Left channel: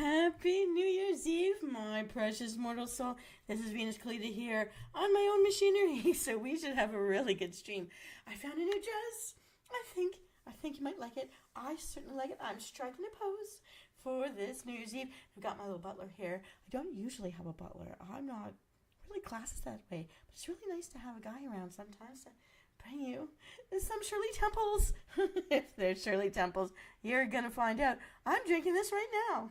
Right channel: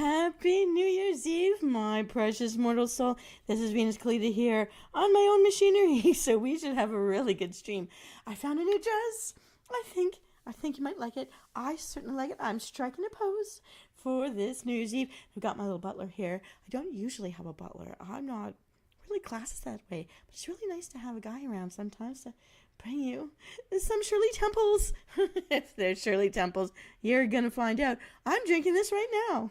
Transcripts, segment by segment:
Happy New Year's Eve, my precious mortal soul. This is Venus Callida here on my own machinery, so we should have a really good stream. I found a new dress. I think you might like it. I certainly like it. I'm striking a pose for this New Year's Eve. I've got my little butler here. I don't usually have a butler. I'm not really classist that way, but it's really nice to have a guy around sometimes to bring you some Shirley Temples. If there's Shirley Temples, you're gonna find out. I'm drinking this right now.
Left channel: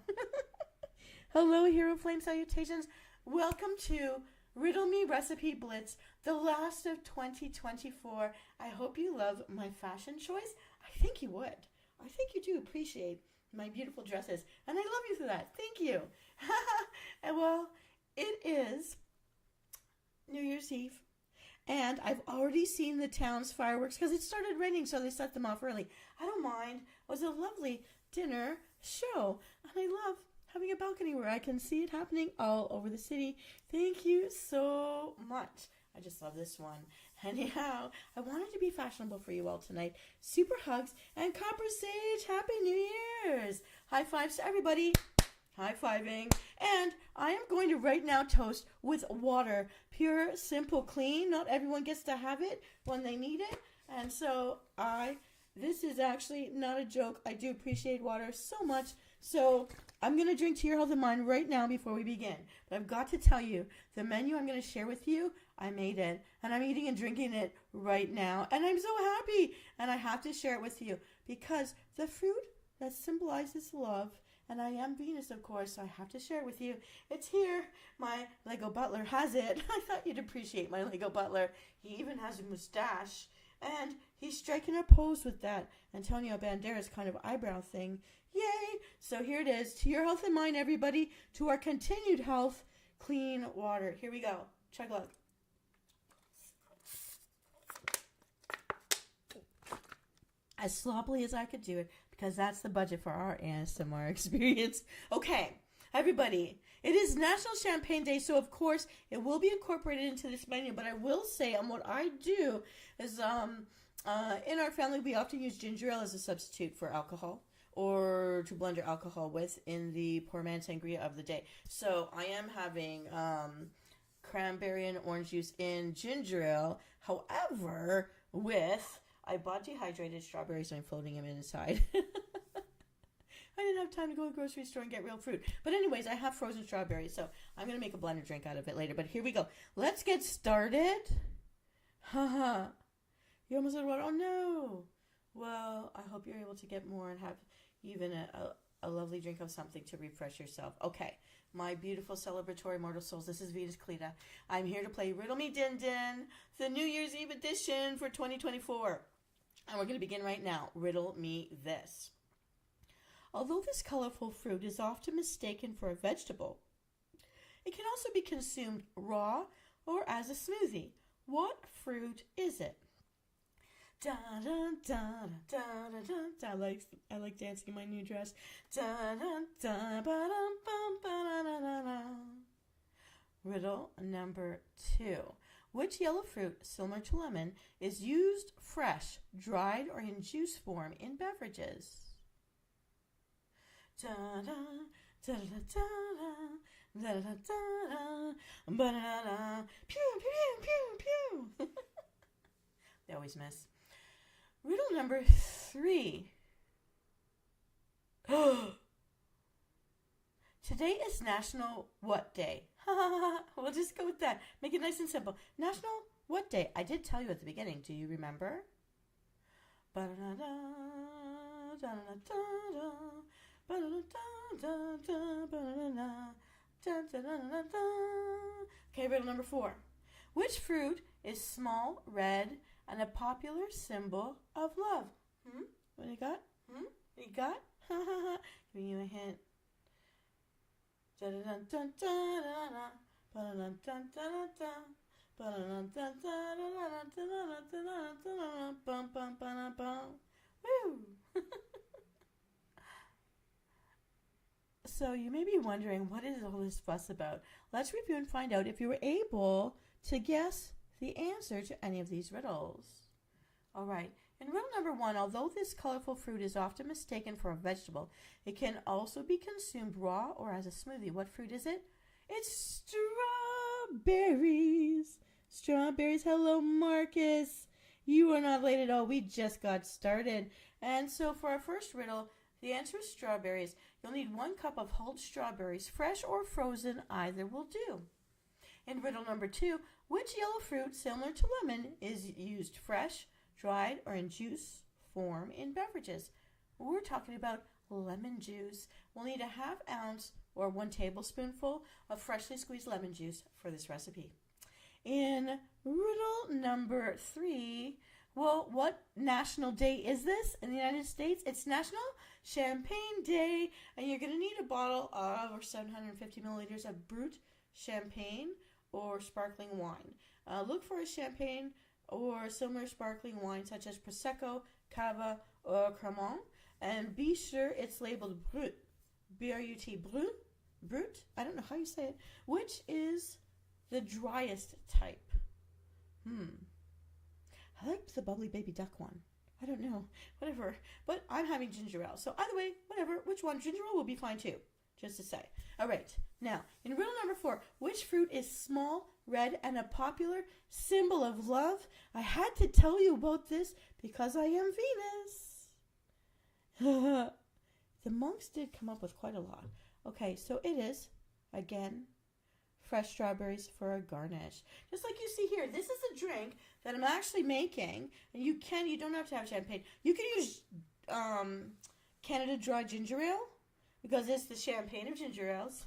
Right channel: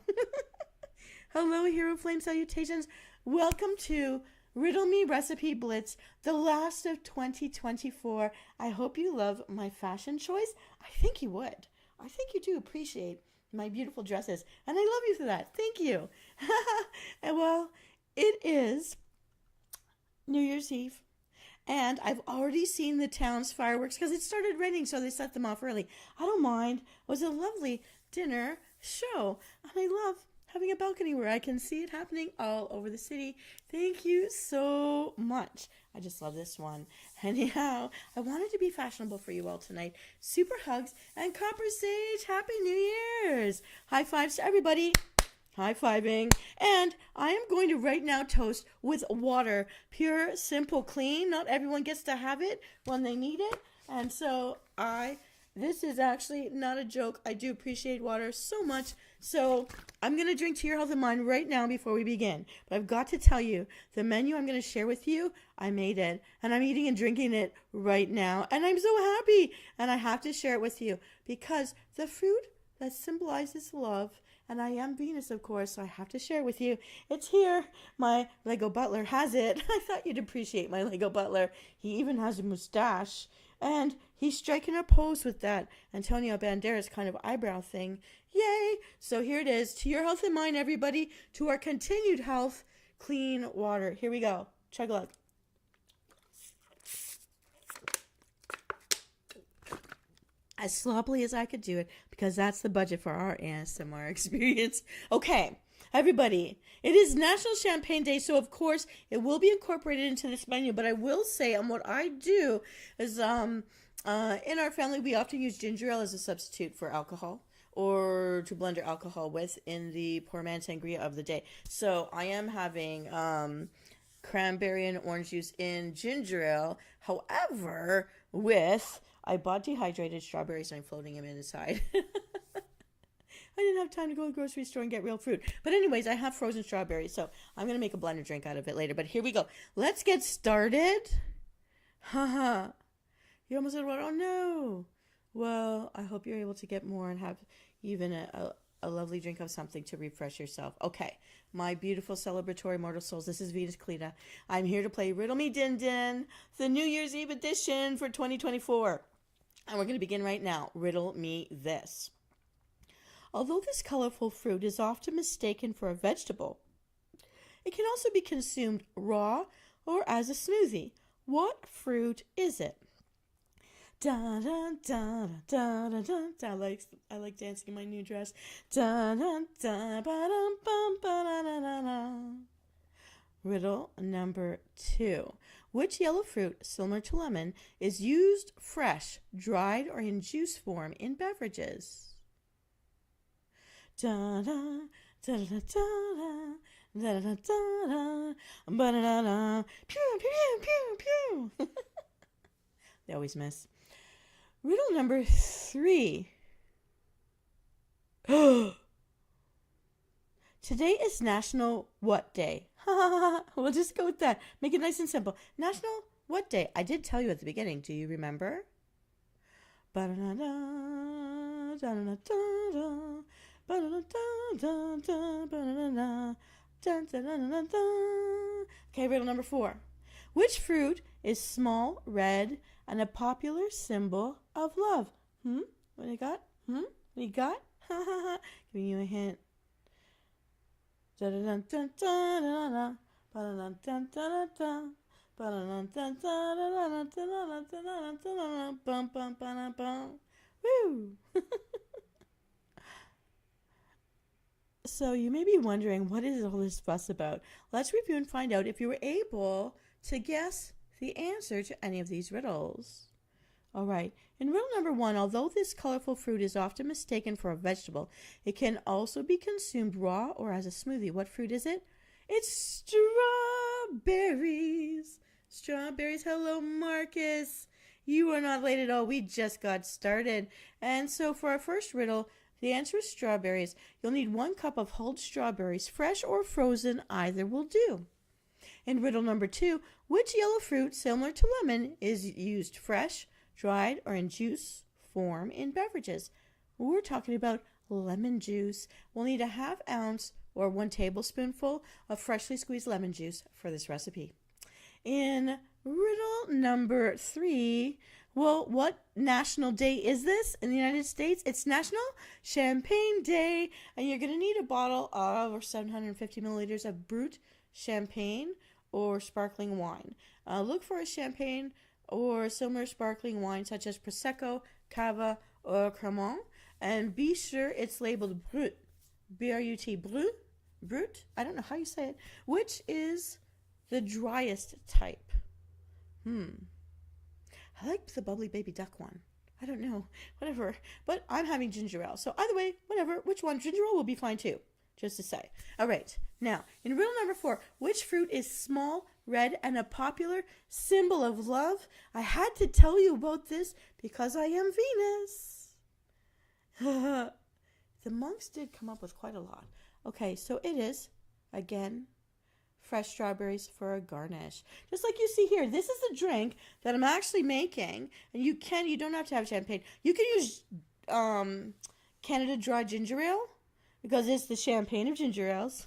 Hello, Hero Flame salutations. Welcome to Riddle Me Recipe Blitz, the last of 2024. I hope you love my fashion choice. I think you would. I think you do appreciate my beautiful dresses, and I love you for that. Thank you. And well, it is New Year's Eve. And I've already seen the town's fireworks because it started raining, so they set them off early. I don't mind. It was a lovely dinner show. And I love having a balcony where I can see it happening all over the city. Thank you so much. I just love this one. Anyhow, I wanted to be fashionable for you all tonight. Super hugs and Copper Sage. Happy New Year's. High fives to everybody. High-fiving. And I am going to right now toast with water. Pure, simple, clean. Not everyone gets to have it when they need it. And so this is actually not a joke. I do appreciate water so much. So I'm going to drink to your health and mind right now before we begin. But I've got to tell you, the menu I'm going to share with you, I made it. And I'm eating and drinking it right now. And I'm so happy. And I have to share it with you because the fruit that symbolizes love, and I am Venus, of course, so I have to share with you. It's here. My Lego butler has it. I thought you'd appreciate my Lego butler. He even has a mustache. And he's striking a pose with that Antonio Banderas kind of eyebrow thing. Yay! So here it is. To your health and mine, everybody. To our continued health, clean water. Here we go. Chug a look. As sloppily as I could do it, because that's the budget for our ASMR experience. Okay, everybody, it is National Champagne Day, so of course it will be incorporated into this menu, but I will say on what I do is in our family we often use ginger ale as a substitute for alcohol or to blend your alcohol with in the poor man sangria of the day. So I am having cranberry and orange juice in ginger ale, however, I bought dehydrated strawberries and I'm floating them inside. I didn't have time to go to the grocery store and get real fruit. But anyways, I have frozen strawberries, so I'm going to make a blended drink out of it later. But here we go. Let's get started. Haha. You almost said, oh no. Well, I hope you're able to get more and have even a lovely drink of something to refresh yourself. Okay, my beautiful celebratory mortal souls, this is Venus Callida. I'm here to play Riddle Me Din Din, the New Year's Eve edition for 2024. And we're going to begin right now. Riddle me this. Although this colorful fruit is often mistaken for a vegetable, it can also be consumed raw or as a smoothie. What fruit is it? Da da da da da da. I like dancing in my new dress. Da da da ba dum bum ba da da da da. Riddle number 2. Which yellow fruit, similar to lemon, is used fresh, dried, or in juice form in beverages? Da da da da da da da da da ba da da da. Pew pew pew pew. They always miss. Riddle number 3. Today is National What Day? We'll just go with that. Make it nice and simple. National What Day? I did tell you at the beginning. Do you remember? Okay, riddle number 4. Which fruit is small, red, and a popular symbol of love? What do you got? What do you got? Giving you a hint. Woo! So you may be wondering, what is all this fuss about? Let's review and find out if you were able to guess the answer to any of these riddles. All right. In riddle number 1, although this colorful fruit is often mistaken for a vegetable, it can also be consumed raw or as a smoothie. What fruit is it? It's strawberries. Strawberries. Hello, Marcus. You are not late at all. We just got started. And so for our first riddle, the answer is strawberries. You'll need 1 cup of hulled strawberries, fresh or frozen, either will do. In riddle number 2, which yellow fruit, similar to lemon, is used fresh, dried, or in juice form in beverages? We're talking about lemon juice. We'll need a ½ ounce or 1 tablespoonful of freshly squeezed lemon juice for this recipe. In riddle number 3, well, what national day is this in the United States? It's National Champagne Day, and you're going to need a bottle of or 750 milliliters of brut champagne or sparkling wine. Look for a champagne or similar sparkling wine such as Prosecco, Cava, or Cremant, and be sure it's labeled brut, B-R-U-T, brut, I don't know how you say it, which is the driest type. I like the bubbly baby duck one. I don't know, whatever, but I'm having ginger ale, so either way, whatever, which one, ginger ale will be fine too, just to say. All right, now, in riddle number 4, which fruit is small, red, and a popular symbol of love? I had to tell you about this because I am Venus. The monks did come up with quite a lot. Okay, so it is, again, fresh strawberries for a garnish. Just like you see here, this is the drink that I'm actually making, and you don't have to have champagne. You can use Canada Dry ginger ale, because it's the champagne of ginger ales,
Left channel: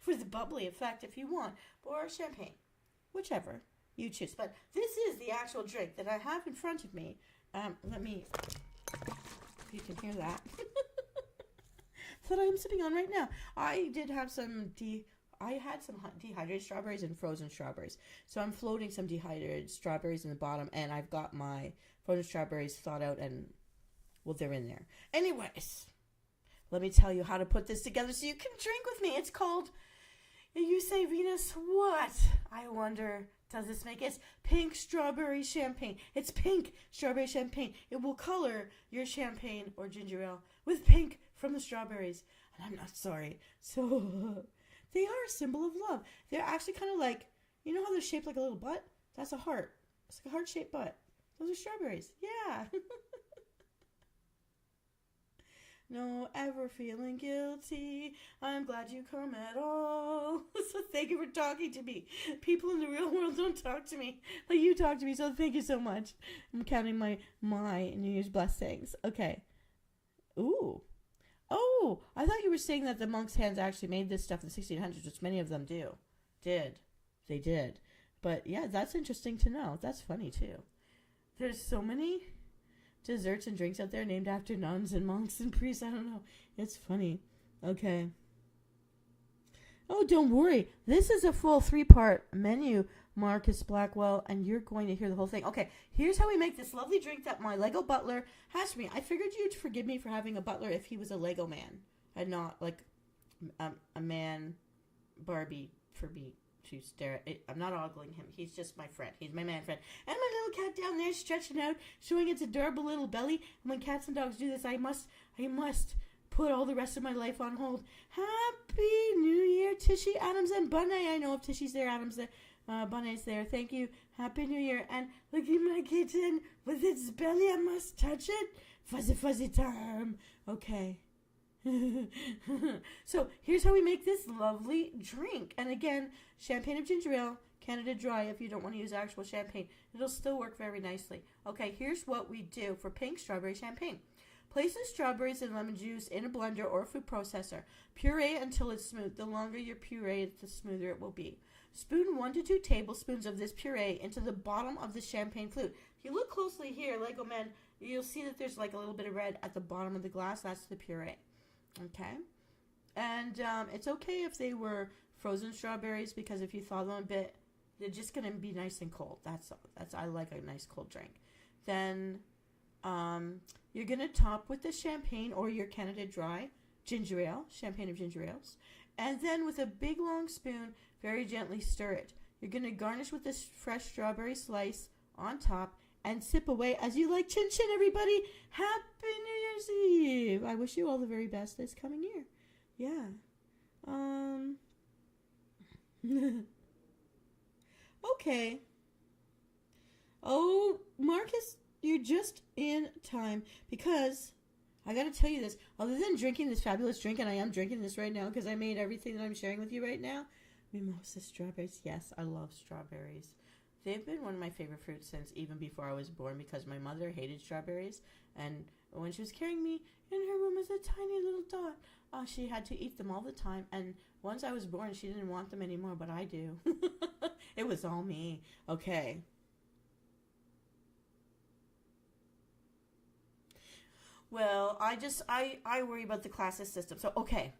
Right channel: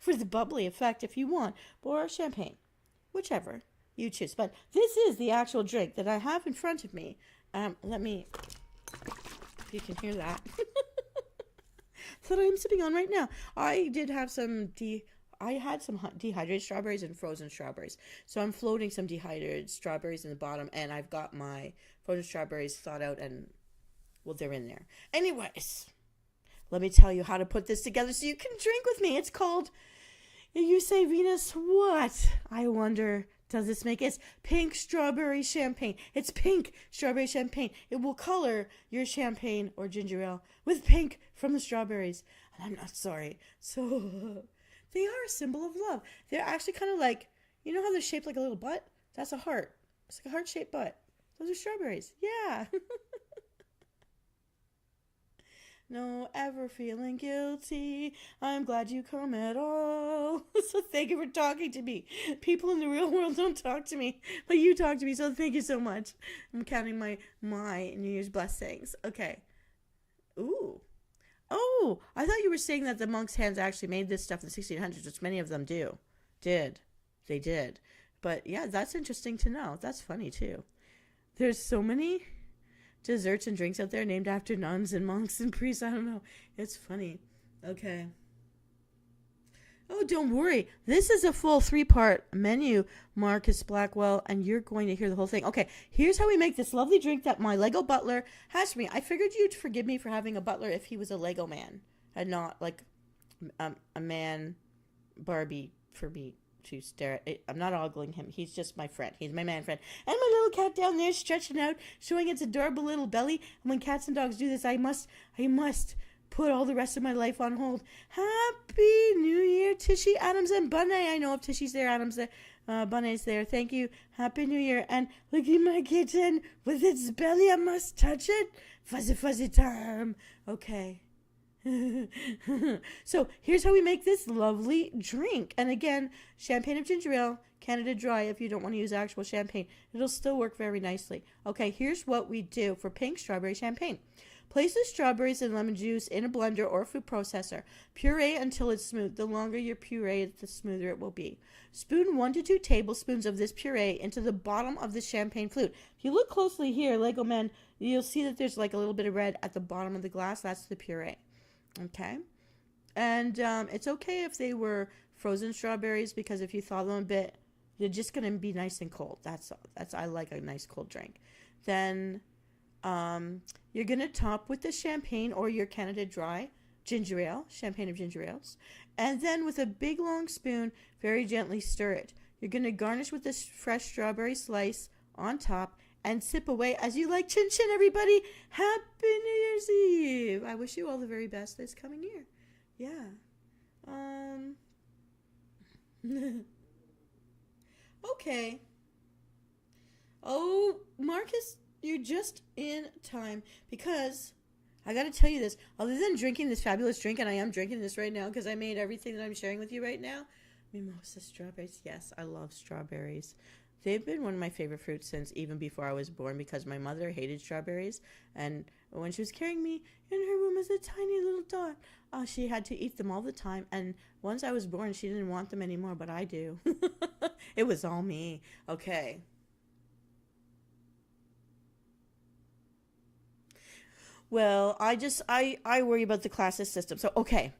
for the bubbly effect if you want, or champagne, whichever you choose. But this is the actual drink that I have in front of me. Let me, if you can hear that, that I am sipping on right now. I did have I had some dehydrated strawberries and frozen strawberries. So I'm floating some dehydrated strawberries in the bottom, and I've got my frozen strawberries thawed out, and, well, they're in there. Anyways, let me tell you how to put this together so you can drink with me. It's called, you say, Venus, what? I wonder, does this make it? It's pink strawberry champagne. It's pink strawberry champagne. It will color your champagne or ginger ale with pink from the strawberries. And I'm not sorry. So, they are a symbol of love. They're actually kind of like, you know how they're shaped like a little butt? That's a heart. It's like a heart-shaped butt. Those are strawberries. Yeah. No ever feeling guilty. I'm glad you come at all. So thank you for talking to me. People in the real world don't talk to me, but you talk to me, so thank you so much. I'm counting my New Year's blessings. Okay. Ooh. Oh, I thought you were saying that the monks' hands actually made this stuff in the 1600s, which many of them did. They did. But yeah, that's interesting to know. That's funny too. There's so many desserts and drinks out there named after nuns and monks and priests. I don't know. It's funny. Okay. Oh, don't worry. This is a full 3-part menu, Marcus Blackwell, and you're going to hear the whole thing. Okay, here's how we make this lovely drink that my Lego butler has for me. I figured you'd forgive me for having a butler if he was a Lego man and not like a man Barbie for me to stare at. I'm not ogling him. He's just my friend. He's my man friend. And my little cat down there stretching out, showing its adorable little belly. And when cats and dogs do this, I must put all the rest of my life on hold. Happy New Year, Tishy, Adams, and Bunny. I know if Tishy's there, Adams there, Bunny's there. Thank you. Happy New Year. And look at my kitten with its belly. I must touch it. Fuzzy, fuzzy time. Okay. So here's how we make this lovely drink. And again, champagne of ginger ale, Canada Dry if you don't want to use actual champagne. It'll still work very nicely. Okay, here's what we do for pink strawberry champagne. Place the strawberries and lemon juice in a blender or a food processor. Puree until it's smooth. The longer your puree, the smoother it will be. Spoon 1 to 2 tablespoons of this puree into the bottom of the champagne flute. If you look closely here, Lego men, you'll see that there's like a little bit of red at the bottom of the glass. That's the puree. Okay? And it's okay if they were frozen strawberries, because if you thaw them a bit, they're just going to be nice and cold. That's I like a nice cold drink. Then you're going to top with the champagne or your Canada Dry ginger ale, champagne of ginger ales. And then with a big long spoon, very gently stir it. You're going to garnish with this fresh strawberry slice on top and sip away as you like. Chin chin, everybody. Happy New Year's Eve. I wish you all the very best this coming year. Yeah. Okay. Oh, Marcus, you're just in time because I got to tell you this. Other than drinking this fabulous drink, and I am drinking this right now because I made everything that I'm sharing with you right now. Mimosa strawberries. Yes, I love strawberries. They've been one of my favorite fruits since even before I was born because my mother hated strawberries. And when she was carrying me in her room as a tiny little dot, she had to eat them all the time. And once I was born, she didn't want them anymore, but I do. It was all me. Okay. Well, I worry about the classes system. So, okay.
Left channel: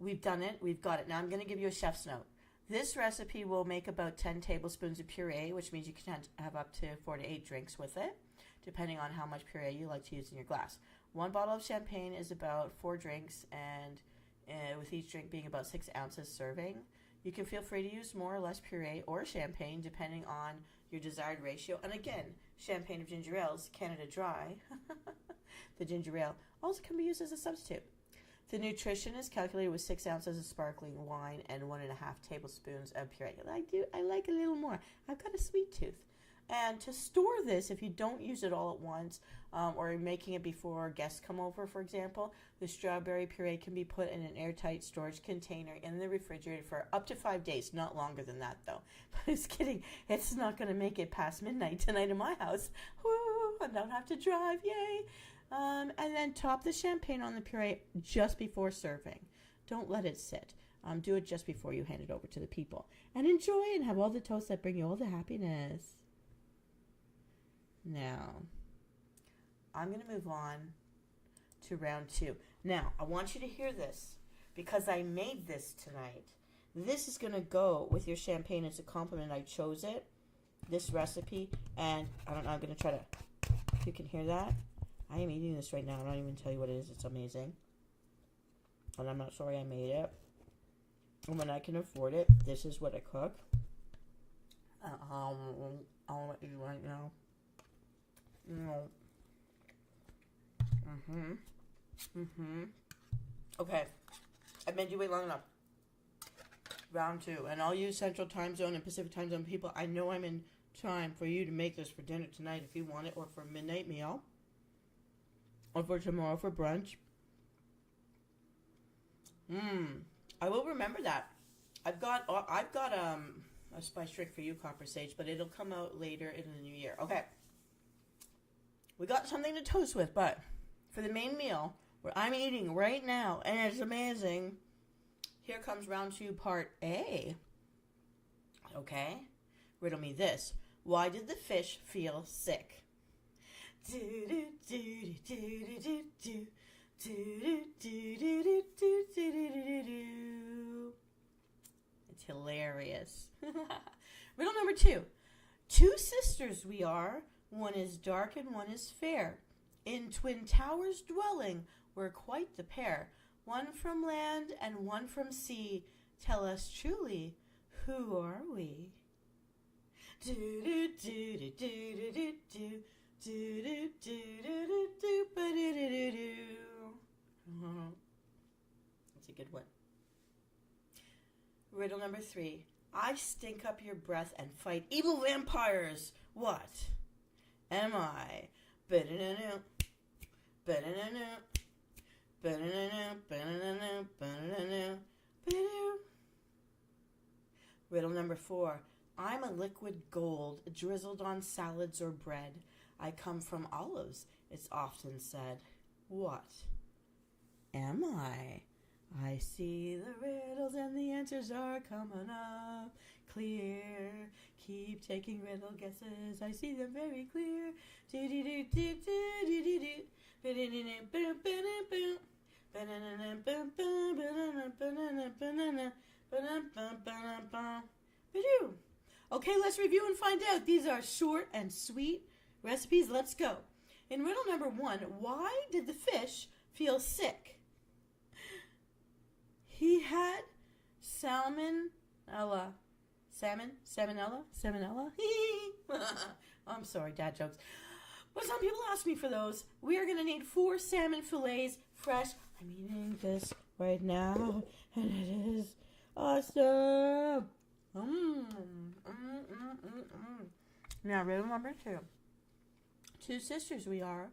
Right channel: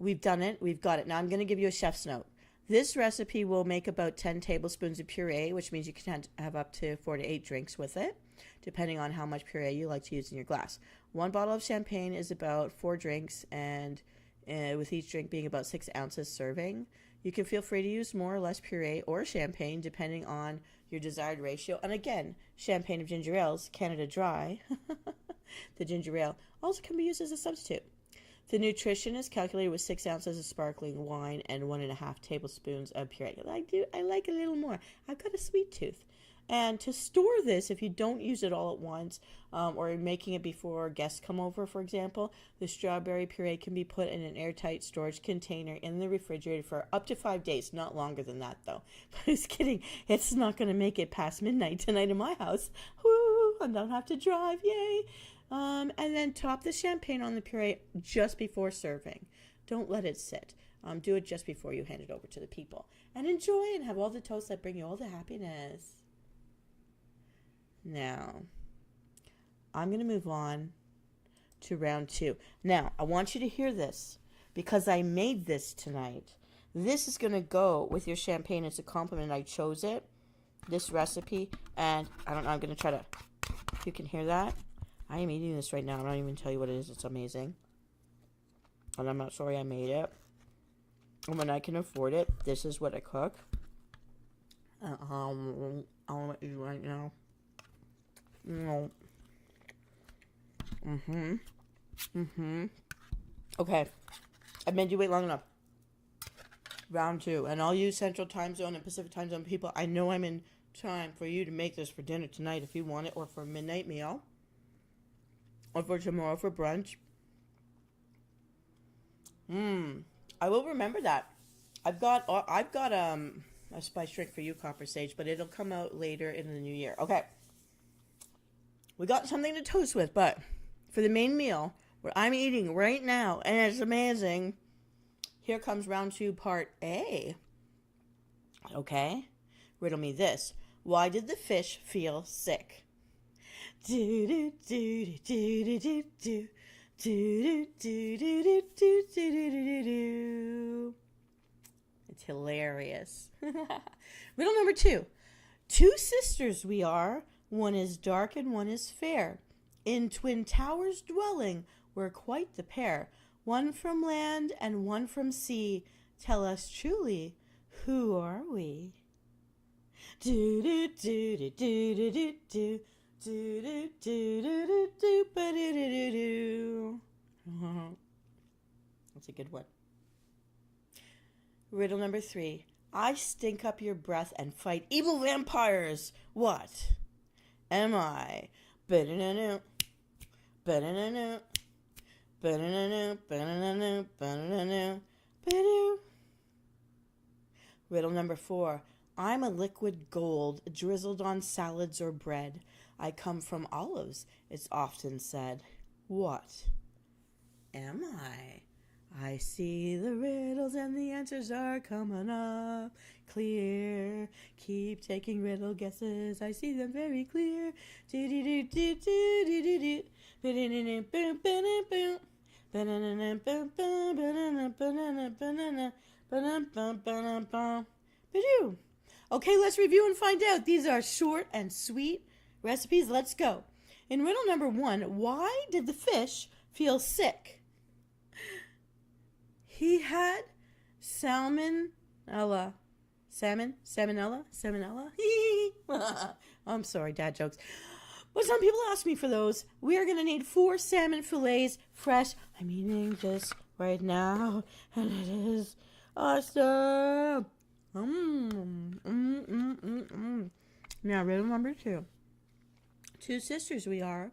We've done it. We've got it. Now I'm going to give you a chef's note. This recipe will make about 10 tablespoons of puree, which means you can have up to 4 to 8 drinks with it, depending on how much puree you like to use in your glass. 1 bottle of champagne is about 4 drinks, and with each drink being about 6 ounces serving. You can feel free to use more or less puree or champagne, depending on your desired ratio. And again, champagne of ginger ales, Canada Dry, the ginger ale, also can be used as a substitute. The nutrition is calculated with 6 ounces of sparkling wine and 1.5 tablespoons of puree. I like a little more. I've got a sweet tooth. And to store this, if you don't use it all at once, or you're making it before guests come over, for example, the strawberry puree can be put in an airtight storage container in the refrigerator for up to 5 days. Not longer than that, though. But I was kidding. It's not going to make it past midnight tonight in my house. Woo! I don't have to drive. Yay! And then top the champagne on the puree just before serving. Don't let it sit. Do it just before you hand it over to the people. And enjoy and have all the toasts that bring you all the happiness. Now, I'm going to move on to round 2. Now, I want you to hear this because I made this tonight. This is going to go with your champagne as a compliment. I chose it, this recipe, and I don't know, I'm going to try to, if you can hear that. I am eating this right now. I don't even tell you what it is. It's amazing. And I'm not sorry I made it. And when I can afford it, this is what I cook. I'll let you right now. Okay. I've made you wait long enough. Round 2. And all you Central Time Zone and Pacific Time Zone people, I know I'm in time for you to make this for dinner tonight if you want it, or for a midnight meal. Or for tomorrow for brunch. I will remember that. I've got a spice drink for you, Copper Sage, but it'll come out later in the new year. Okay. We got something to toast with, but for the main meal, where I'm eating right now, and it's amazing, here comes round 2, part A. Okay? Riddle me this. Why did the fish feel sick? It's hilarious. Riddle number 2. 2 sisters we are. One is dark and one is fair. In twin towers dwelling, we're quite the pair. One from land and one from sea. Tell us truly, who are we? Do do do do do do do do. That's a good one. Riddle number 3. I stink up your breath and fight evil vampires. What am I? Riddle number 4. I'm a liquid gold drizzled on salads or bread. I come from olives, it's often said. What am I? I see the riddles and the answers are coming up clear. Keep taking riddle guesses, I see them very clear. Okay, let's review and find out. These are short and sweet recipes. Let's go. In riddle number 1, why did the fish feel sick? He had salmonella. Salmonella? I'm sorry, dad jokes. But some people ask me for those. We are going to need 4 salmon fillets, fresh. I'm eating this right now, and it is awesome. Now, riddle number 2. 2 sisters we are.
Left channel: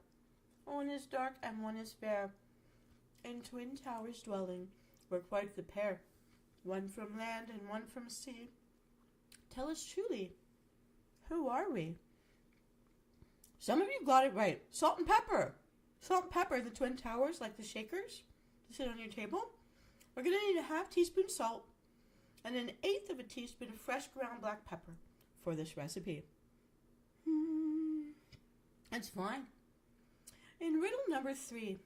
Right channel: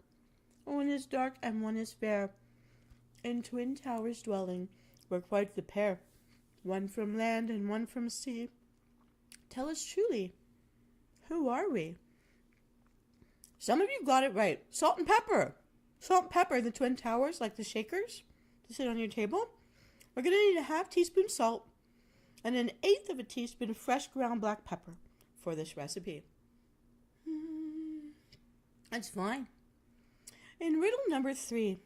One is dark and one is fair. In twin towers dwelling, we're quite the pair. One from land and one from sea. Tell us truly, who are we? Some of you got it right. Salt and pepper. Salt and pepper in the twin towers, like the shakers, to sit on your table. We're going to need a half teaspoon salt and an 1/8 of a teaspoon of fresh ground black pepper for this recipe. That's fine. In riddle number 3,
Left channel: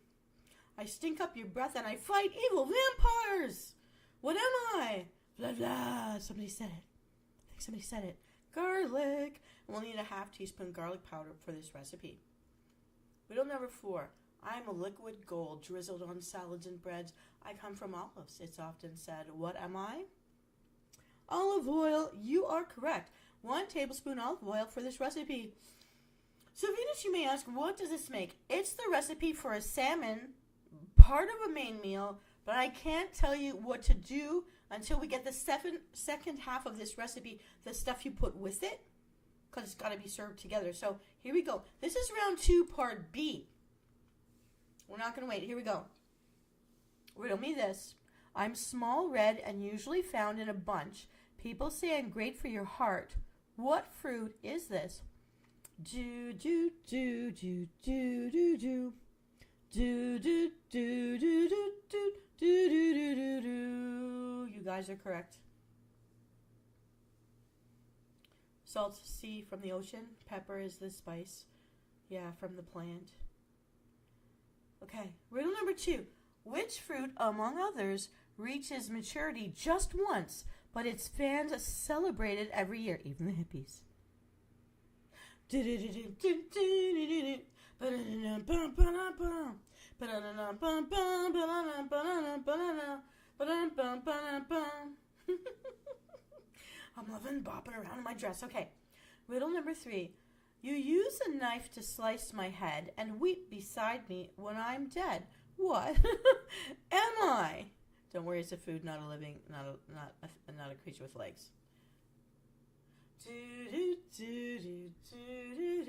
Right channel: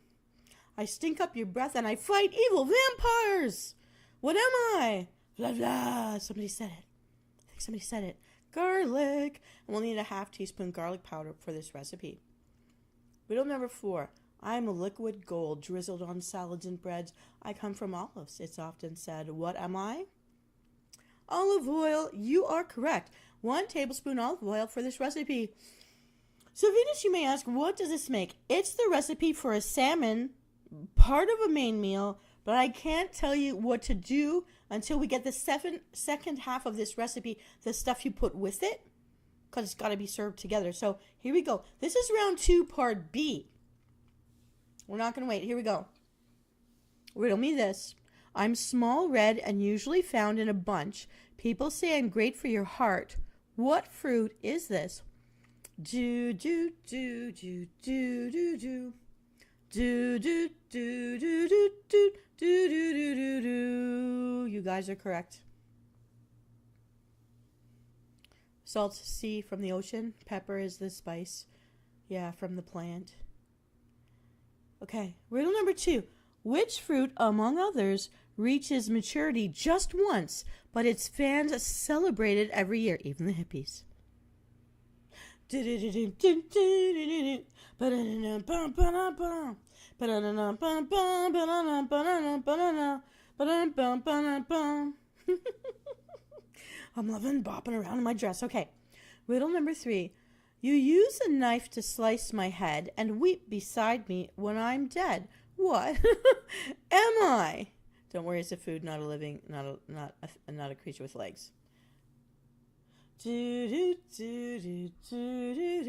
I stink up your breath and I fight evil vampires. What am I? Blah, blah. Somebody said it. I think somebody said it. Garlic. And we'll need a half teaspoon garlic powder for this recipe. Riddle number 4. I'm a liquid gold drizzled on salads and breads. I come from olives. It's often said, what am I? Olive oil. You are correct. 1 tablespoon olive oil for this recipe. So Venus, you may ask, what does this make? It's the recipe for a salmon, part of a main meal, but I can't tell you what to do until we get the second half of this recipe, the stuff you put with it, because it's got to be served together. So here we go. This is round 2, part B. We're not going to wait. Here we go. Riddle me this. I'm small, red, and usually found in a bunch. People say I'm great for your heart. What fruit is this? Do, do, do, do, do, do, do. Do, do, do, do, do, do, do, do, do, do, do. You guys are correct. Salt, sea from the ocean. Pepper is the spice. Yeah, from the plant. Okay, riddle number 2. Which fruit, among others, reaches maturity just once, but its fans celebrate it every year, even the hippies? I'm loving bopping around in my dress. Okay, riddle number 3. You use a knife to slice my head and weep beside me when I'm dead. What am I? Don't worry, it's a food, not a living, not a creature with legs. Do do do do do do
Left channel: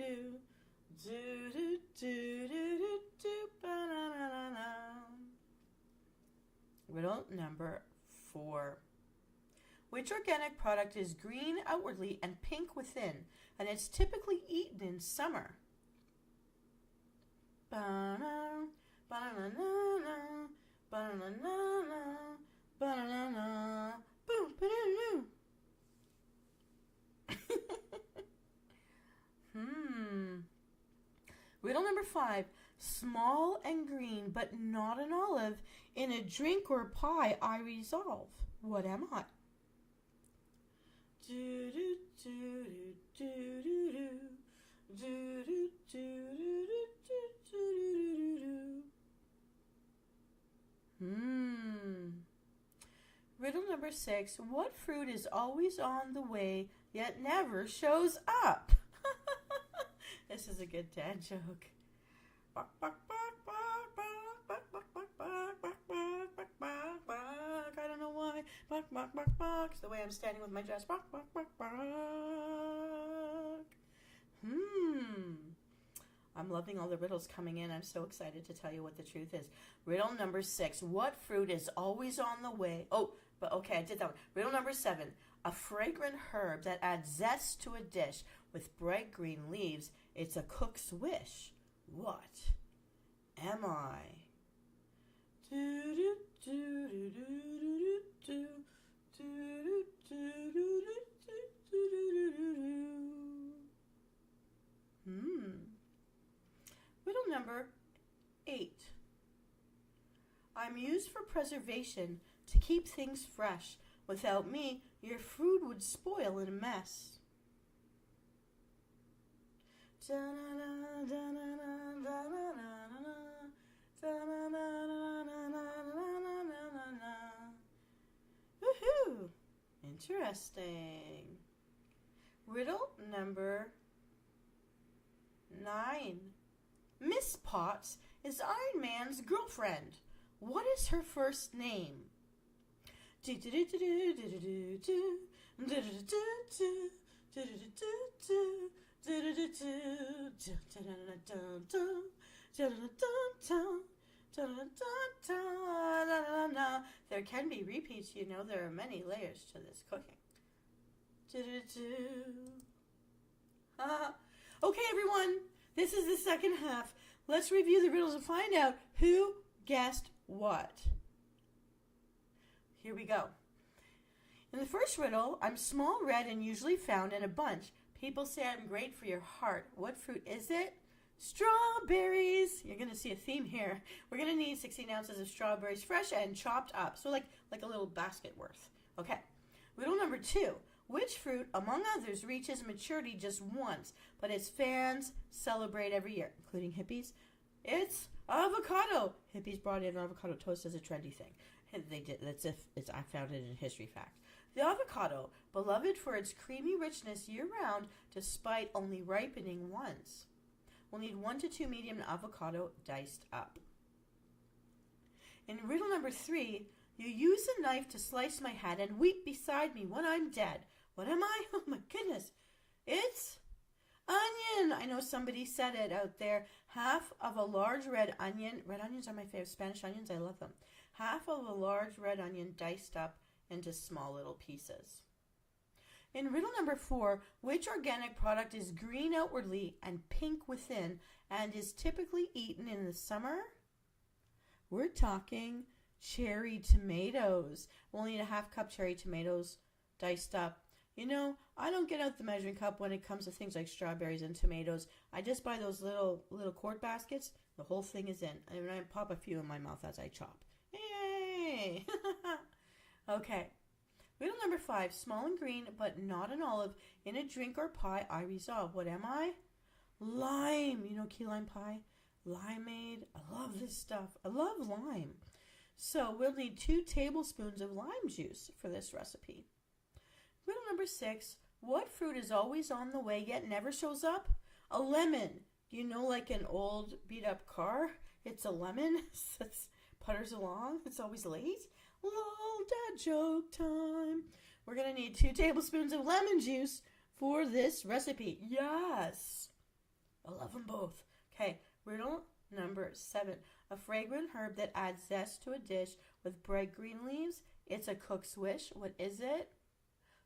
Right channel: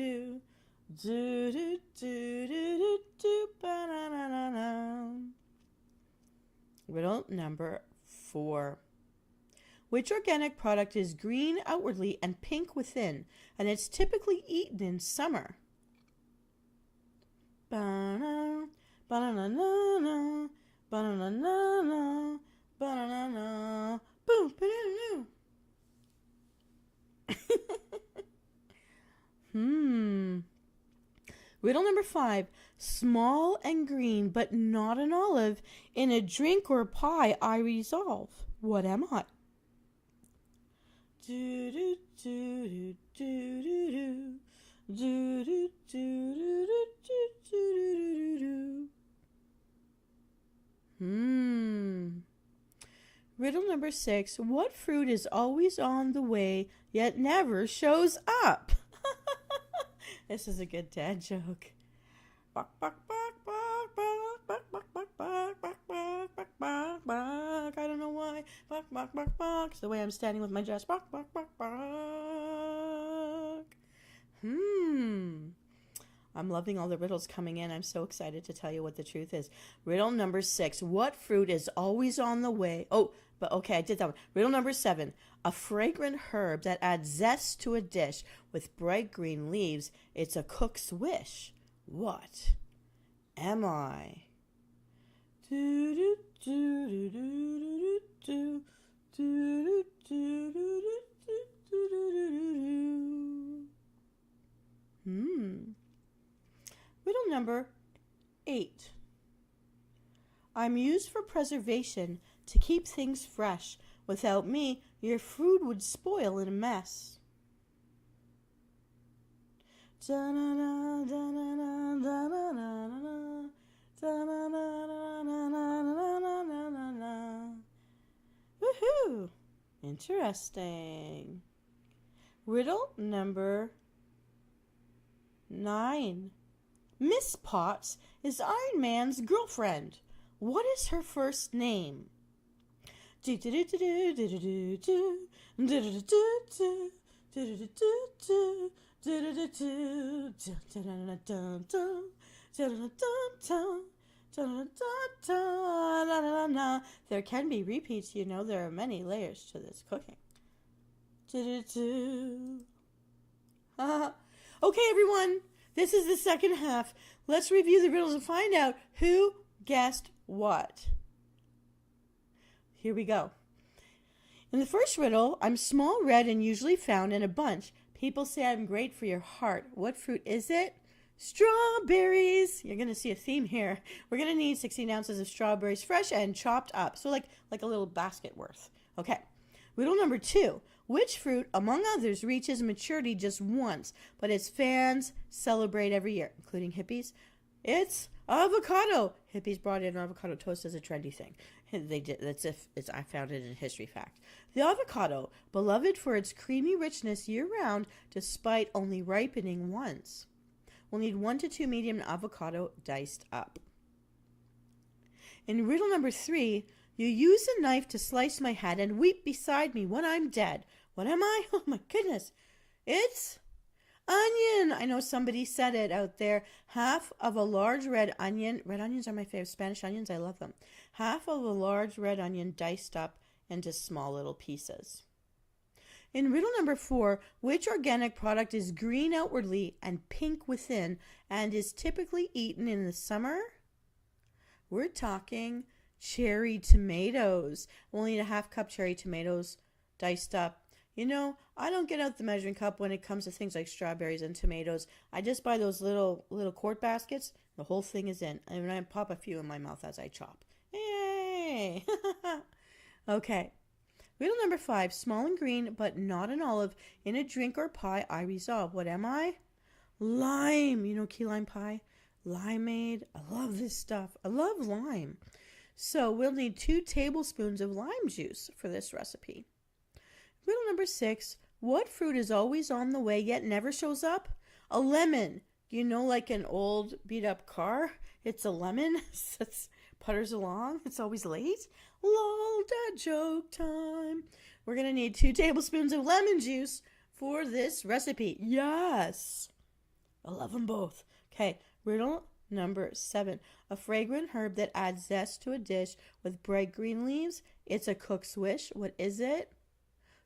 do do do do do do ba-na-na-na-na. Riddle number 4. Which organic product is green outwardly and pink within, and it's typically eaten in summer? Ba-na, ba-na-na-na-na, ba-na-na-na-na, ba-na-na-na, boom, ba-na-na. Riddle number 5. Small and green, but not an olive. In a drink or pie, I resolve. What am I? Do do do do do do do do do do do do. Riddle number 6. What fruit is always on the way, yet never shows up? This is a good dad joke. Bok, bok, bok, bok, bok, bok, bok, bok, bok, bok, bok, bok, bok. I don't know why. Bok, bok, bok, bok. It's the way I'm standing with my dress. Bok, bok, bok, bok. I'm loving all the riddles coming in. I'm so excited to tell you what the truth is. Riddle number 6. What fruit is always on the way? Oh, but okay, I did that one. Riddle number 7. A fragrant herb that adds zest to a dish with bright green leaves. It's a cook's wish. What am I? Do do do do do do do do do do. Riddle number 8. I'm used for preservation to keep things fresh. Without me, your food would spoil in a mess. Woohoo! Interesting. Riddle number 9. Miss Potts is Iron Man's girlfriend. What is her first name? There can be repeats, you know, there are many layers to this cooking. Okay, everyone, this is the second half. Let's review the riddles and find out who guessed what. Here we go. In the first riddle, I'm small, red, and usually found in a bunch. People say I'm great for your heart. What fruit is it? Strawberries. You're going to see a theme here. We're going to need 16 ounces of strawberries, fresh and chopped up. So like a little basket worth. Okay. Riddle number 2. Which fruit, among others, reaches maturity just once, but its fans celebrate every year, including hippies? It's avocado. Hippies brought in avocado toast as a trendy thing. They did. I found it in history fact. The avocado, beloved for its creamy richness year-round, despite only ripening once. We'll need 1 to 2 medium avocado diced up. In riddle number 3, you use a knife to slice my head and weep beside me when I'm dead. What am I? Oh my goodness. It's onion. I know somebody said it out there. Half of a large red onion. Red onions are my favorite. Spanish onions, I love them. Half of a large red onion diced up into small little pieces. In riddle number 4, which organic product is green outwardly and pink within and is typically eaten in the summer? We're talking cherry tomatoes. We'll need a half cup cherry tomatoes diced up. You know, I don't get out the measuring cup when it comes to things like strawberries and tomatoes. I just buy those little quart baskets. The whole thing is in. And I pop a few in my mouth as I chop. Yay! Okay. Riddle number 5. Small and green, but not an olive. In a drink or pie, I resolve. What am I? Lime. You know key lime pie? Limeade. I love this stuff. I love lime. So we'll need 2 tablespoons of lime juice for this recipe. Riddle number 6. What fruit is always on the way yet never shows up? A lemon. You know, like an old beat up car? It's a lemon. It putters along. It's always late. Lol, dad joke time. We're going to need 2 tablespoons of lemon juice for this recipe. Yes. I love them both. Okay, riddle number 7. A fragrant herb that adds zest to a dish with bright green leaves. It's a cook's wish. What is it?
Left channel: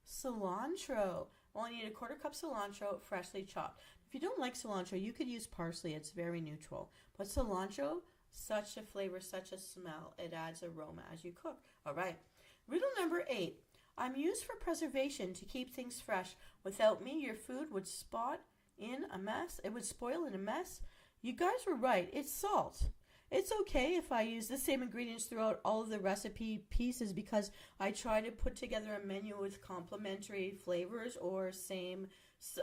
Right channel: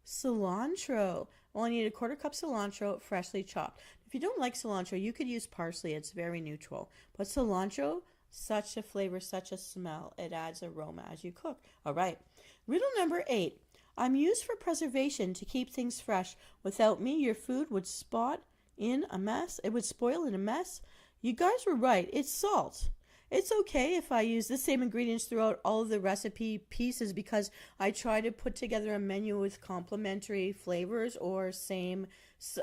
Cilantro. Well, I need a 1/4 cup cilantro, freshly chopped. If you don't like cilantro, you could use parsley. It's very neutral. But cilantro, such a flavor, such a smell. It adds aroma as you cook. All right. Riddle number 8. I'm used for preservation to keep things fresh. Without me, your food would spot in a mess. It would spoil in a mess. You guys were right. It's salt. It's okay if I use the same ingredients throughout all of the recipe pieces because I try to put together a menu with complementary flavors or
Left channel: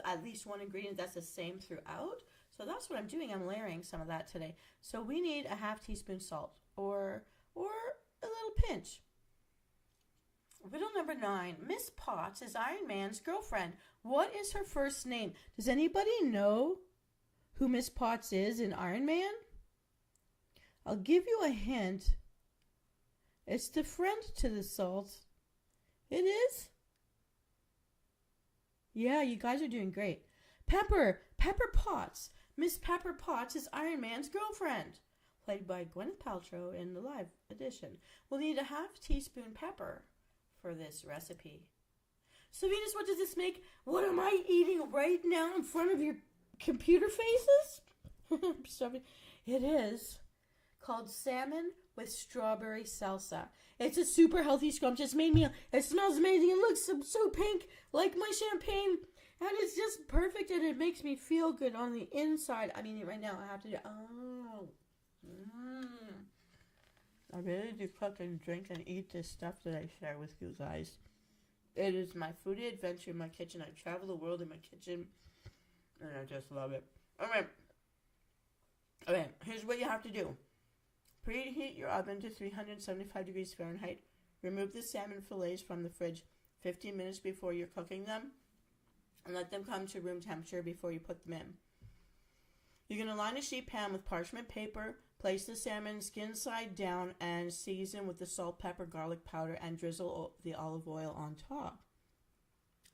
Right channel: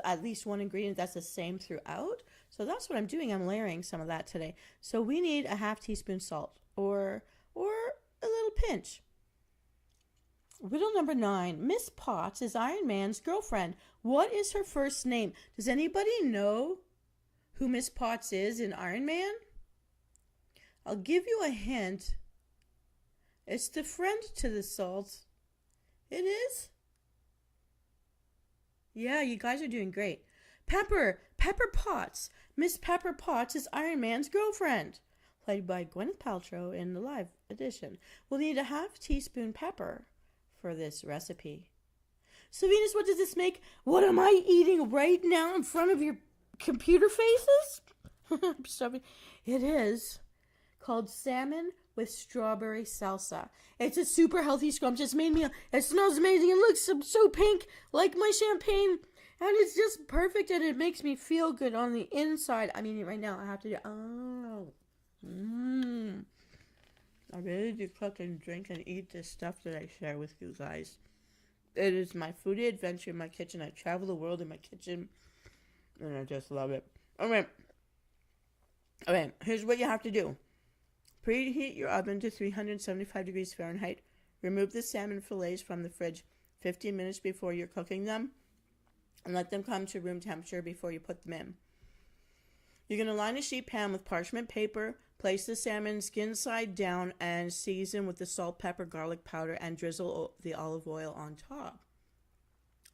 at least one ingredient that's the same throughout. So that's what I'm doing. I'm layering some of that today. So we need a half teaspoon salt or a little pinch. Riddle number 9. Miss Potts is Iron Man's girlfriend. What is her first name? Does anybody know who Miss Potts is in Iron Man? I'll give you a hint. It's the friend to the salt. It is? Yeah, you guys are doing great. Pepper Potts. Miss Pepper Potts is Iron Man's girlfriend. Played by Gwyneth Paltrow in the live edition. We'll need a half teaspoon pepper for this recipe. So Venus, what does this make? What am I eating right now in front of your computer faces? It is called salmon with strawberry salsa. It's a super healthy scrumptious. It smells amazing. It looks so pink, like my champagne. And it's just perfect, and it makes me feel good on the inside. I mean, right now, I have to do... I really do cook and drink and eat this stuff that I share with you guys. It is my foodie adventure in my kitchen. I travel the world in my kitchen, and I just love it. All right, here's what you have to do. Preheat your oven to 375 degrees Fahrenheit. Remove the salmon fillets from the fridge 15 minutes before you're cooking them, and let them come to room temperature before you put them in. You're going to line a sheet pan with parchment paper, place the salmon skin side down, and season with the salt, pepper, garlic powder, and drizzle the olive oil on top.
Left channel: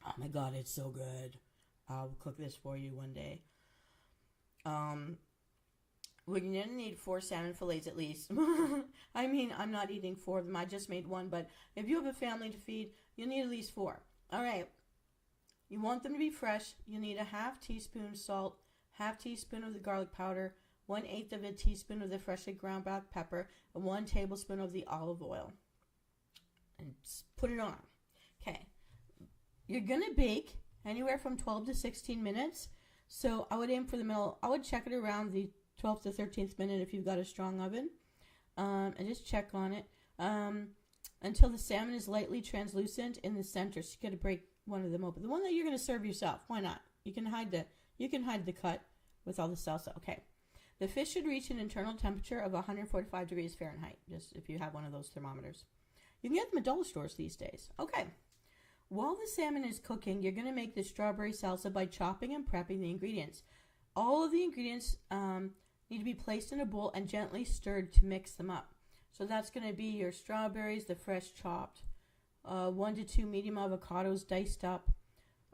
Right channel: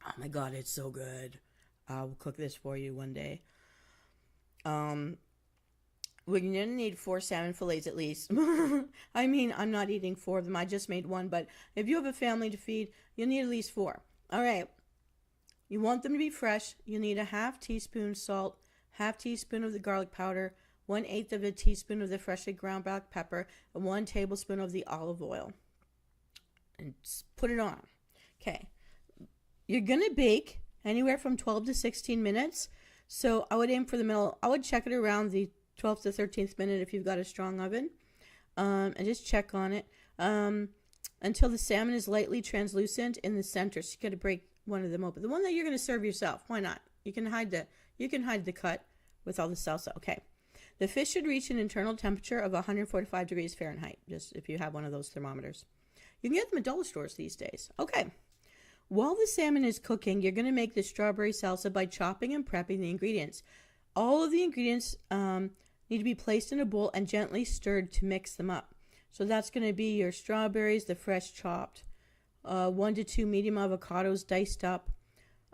Oh my God, it's so good. I'll cook this for you one day. We're going to need 4 salmon fillets at least. I mean, I'm not eating 4 of them. I just made 1, but if you have a family to feed, you'll need at least 4. All right. You want them to be fresh. You'll need a half teaspoon salt, half teaspoon of the garlic powder, 1/8 of a teaspoon of the freshly ground black pepper, and 1 tablespoon of the olive oil. And put it on. Okay. You're going to bake anywhere from 12 to 16 minutes. So I would aim for the middle. I would check it around the 12th to 13th minute if you've got a strong oven. And just check on it until the salmon is lightly translucent in the center. So you got to break one of them open. The one that you're going to serve yourself. Why not? You can hide the cut with all the salsa. Okay. The fish should reach an internal temperature of 145 degrees Fahrenheit, just if you have one of those thermometers. You can get them at dollar stores these days. Okay. While the salmon is cooking, you're going to make the strawberry salsa by chopping and prepping the ingredients. All of the ingredients need to be placed in a bowl and gently stirred to mix them up. So that's going to be your strawberries, the fresh chopped, 1 to 2 medium avocados diced up,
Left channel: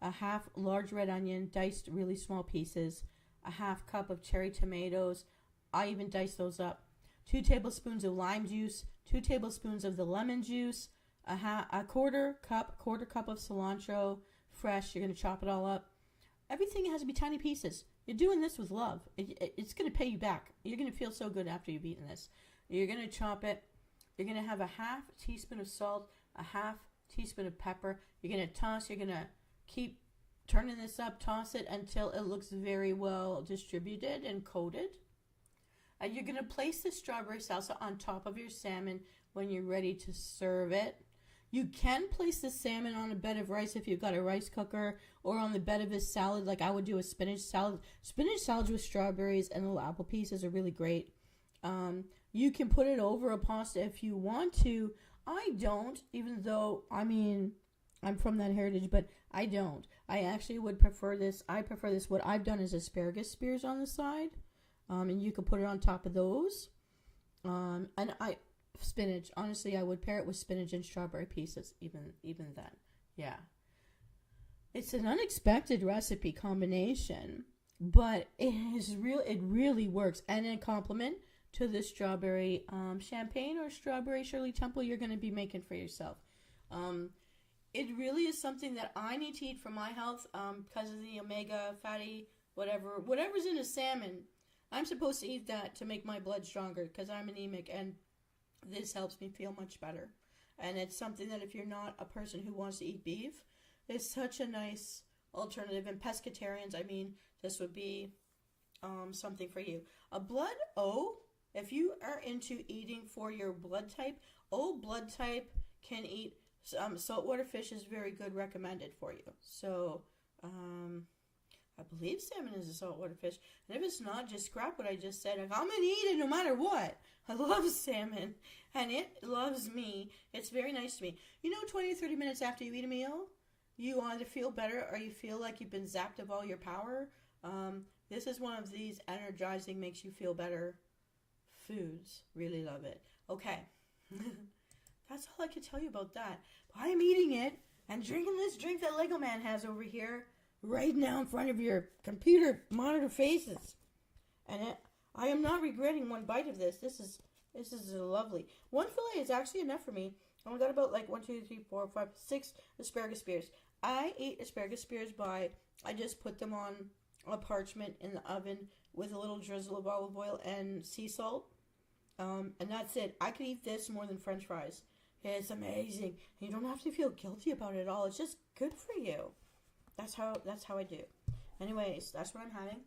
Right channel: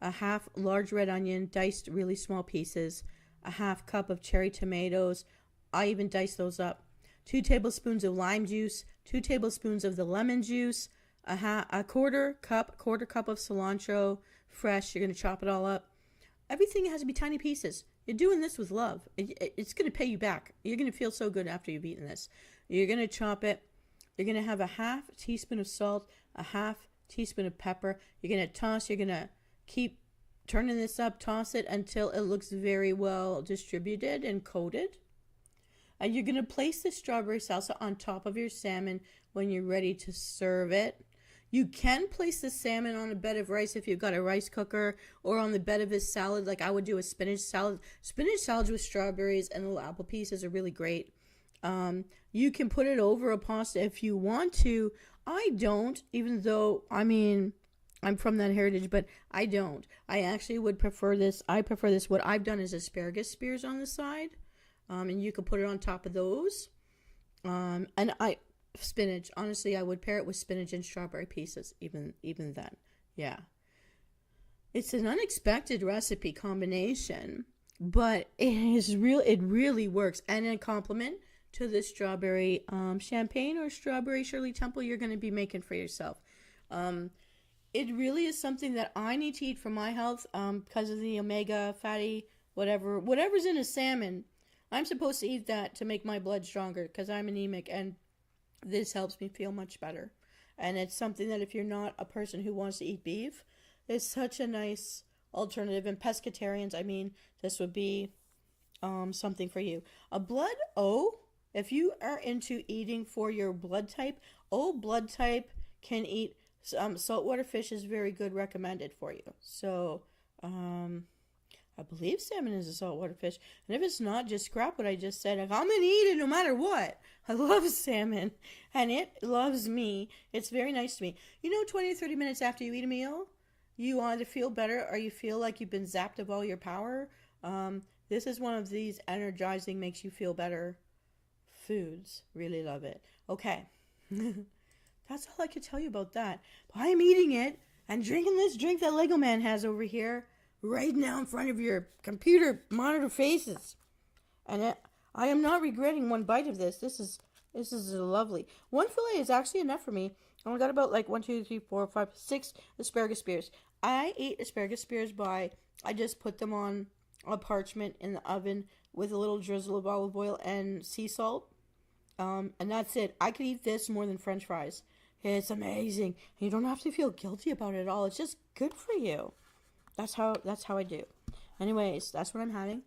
a half large red onion diced really small pieces, a half cup of cherry tomatoes. I even diced those up. 2 tablespoons of lime juice, 2 tablespoons of the lemon juice, a quarter cup of cilantro fresh. You're going to chop it all up. Everything has to be tiny pieces. You're doing this with love. It's going to pay you back. You're going to feel so good after you've eaten this. You're going to chop it. You're going to have a half teaspoon of salt, a half teaspoon of pepper. You're going to toss. You're going to keep turning this up, toss it until it looks very well distributed and coated. And you're going to place the strawberry salsa on top of your salmon when you're ready to serve it. You can place the salmon on a bed of rice if you've got a rice cooker, or on the bed of a salad like I would do a spinach salad. Spinach salads with strawberries and little apple pieces are really great. You can put it over a pasta if you want to. I don't, even though, I mean, I'm from that heritage, but I don't. I actually would prefer this. I prefer this. What I've done is asparagus spears on the side, and you can put it on top of those. Spinach. Honestly, I would pair it with spinach and strawberry pieces, even then. Yeah. It's an unexpected recipe combination, but it really works. And in compliment to the strawberry champagne or strawberry Shirley Temple you're going to be making for yourself. It really is something that I need to eat for my health because of the omega, fatty, whatever's in a salmon. I'm supposed to eat that to make my blood stronger because I'm anemic, and this helps me feel much better. And it's something that if you're not a person who wants to eat beef, it's such a nice alternative. And pescatarians, I mean, this would be something for you. A blood O, if you are into eating for your blood type, O blood type can eat saltwater fish is very good, recommended for you. So, I believe salmon is a saltwater fish. And if it's not, just scrap what I just said. I'm going to eat it no matter what. I love salmon, and it loves me. It's very nice to me. 20 or 30 minutes after you eat a meal, you either feel better or you feel like you've been zapped of all your power. This is one of these energizing, makes you feel better foods. Really love it. Okay. That's all I can tell you about that. But I'm eating it and drinking this drink that Lego Man has over here right now in front of your computer monitor faces. And I am not regretting one bite of this. This is lovely. 1 fillet is actually enough for me. And we got about 1, 2, 3, 4, 5, 6 asparagus spears. I eat asparagus spears I just put them on a parchment in the oven with a little drizzle of olive oil and sea salt. And that's it. I could eat this more than French fries. It's amazing. You don't have to feel guilty about it at all. It's just good for you. That's how I do. Anyways, that's what I'm having.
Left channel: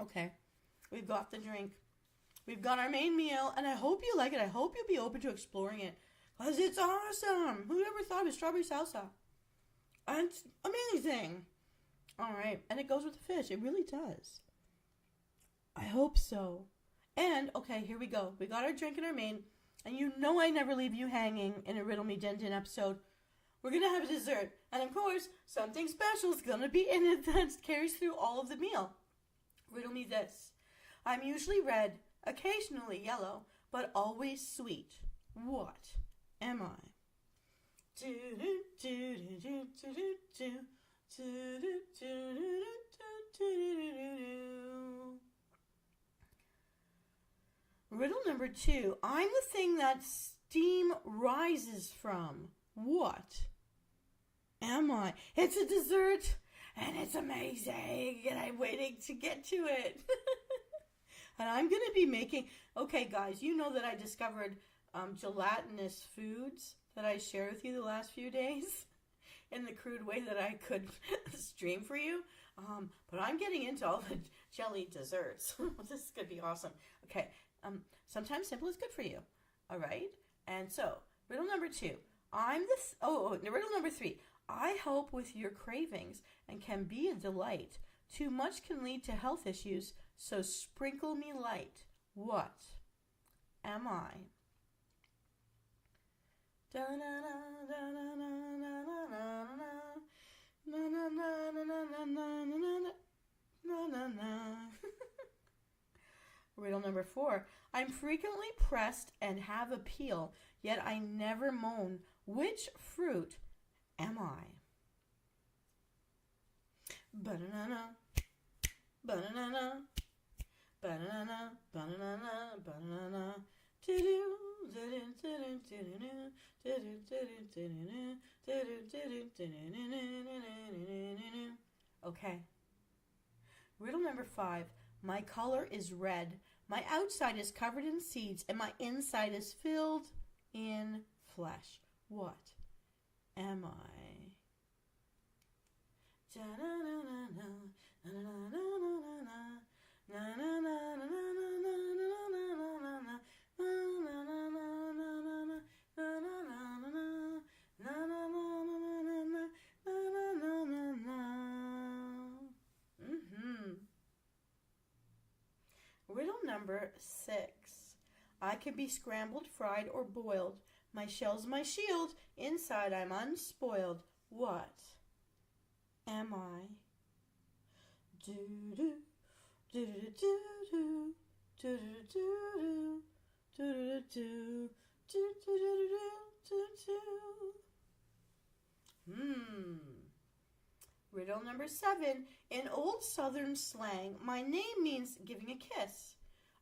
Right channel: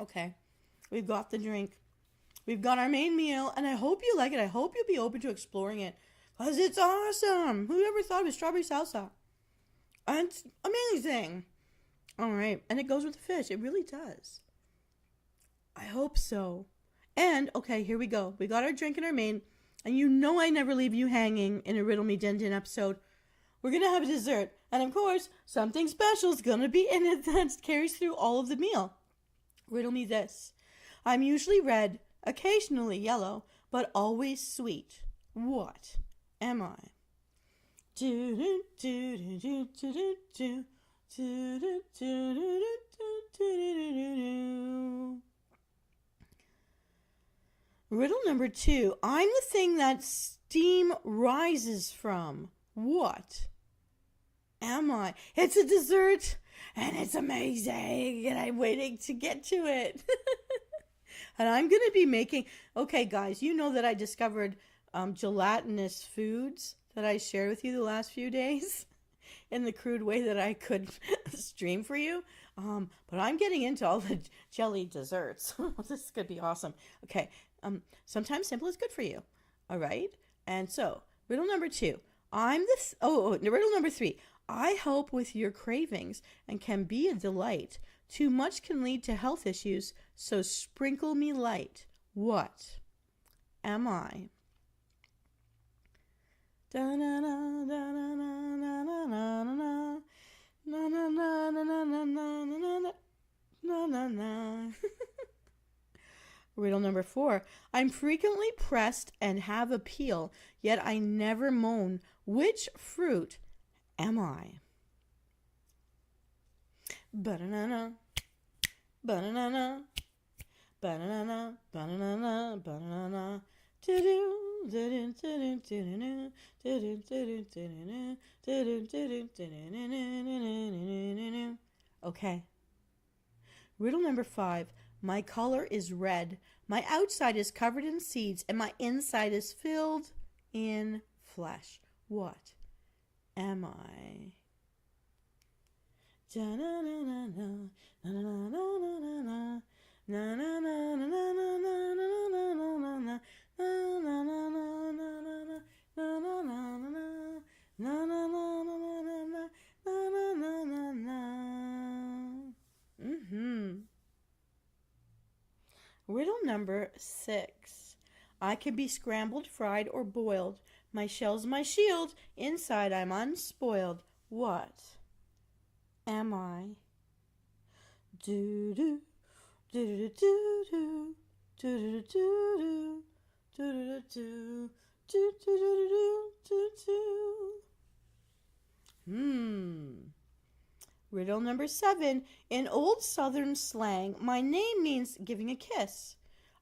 Okay. We've got the drink. We've got our main meal, and I hope you like it. I hope you'll be open to exploring it, because it's awesome. Who ever thought of a strawberry salsa? And it's amazing. All right. And it goes with the fish. It really does. I hope so. And, okay, here we go. We got our drink and our main, and I never leave you hanging in a Riddle Me Din Din episode we're going to have a dessert. And of course, something special is going to be in it that carries through all of the meal. Riddle me this. I'm usually red, occasionally yellow, but always sweet. What am I? Riddle number 2. I'm the thing that steam rises from. What am I? It's a dessert, and it's amazing, and I'm waiting to get to it. And I'm going to be making... Okay, guys, you know that I discovered gelatinous foods that I shared with you the last few days in the crude way that I could stream for you. But I'm getting into all the jelly desserts. This is going to be awesome. Okay, sometimes simple is good for you. All right? And so, riddle number 2. Riddle number 3. I help with your cravings and can be a delight. Too much can lead to health issues, so sprinkle me light. What am I? Riddle number 4. I'm frequently pressed and have appeal, yet I never moan. Which fruit am I? Banana, banana, banana, banana, banana. Okay. Riddle number 5. My color is red. My outside is covered in seeds, and my inside is filled in flesh. What am I? Riddle number 6. I can be scrambled, fried, or boiled. My shell's my shield. Inside I'm unspoiled. What am I? Do do do do do do do do do do do do. Riddle number 7. In old Southern slang, my name means giving a kiss.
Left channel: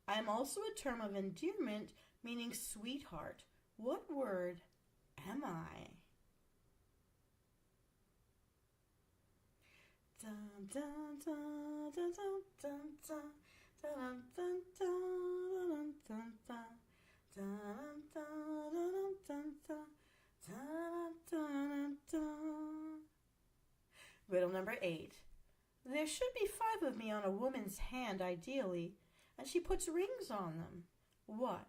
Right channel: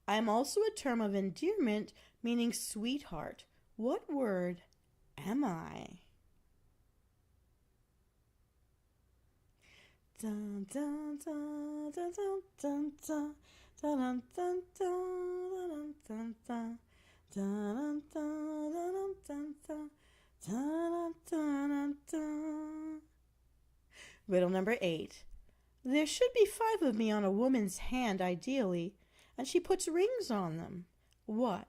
I am also a term of endearment, meaning sweetheart. What word am I? Dun, dun, dun, dun, dun, dun, dun, dun, dun, dun, dun, dun. Riddle number 8. There should be 5 of me on a woman's hand, ideally, and she puts rings on them. What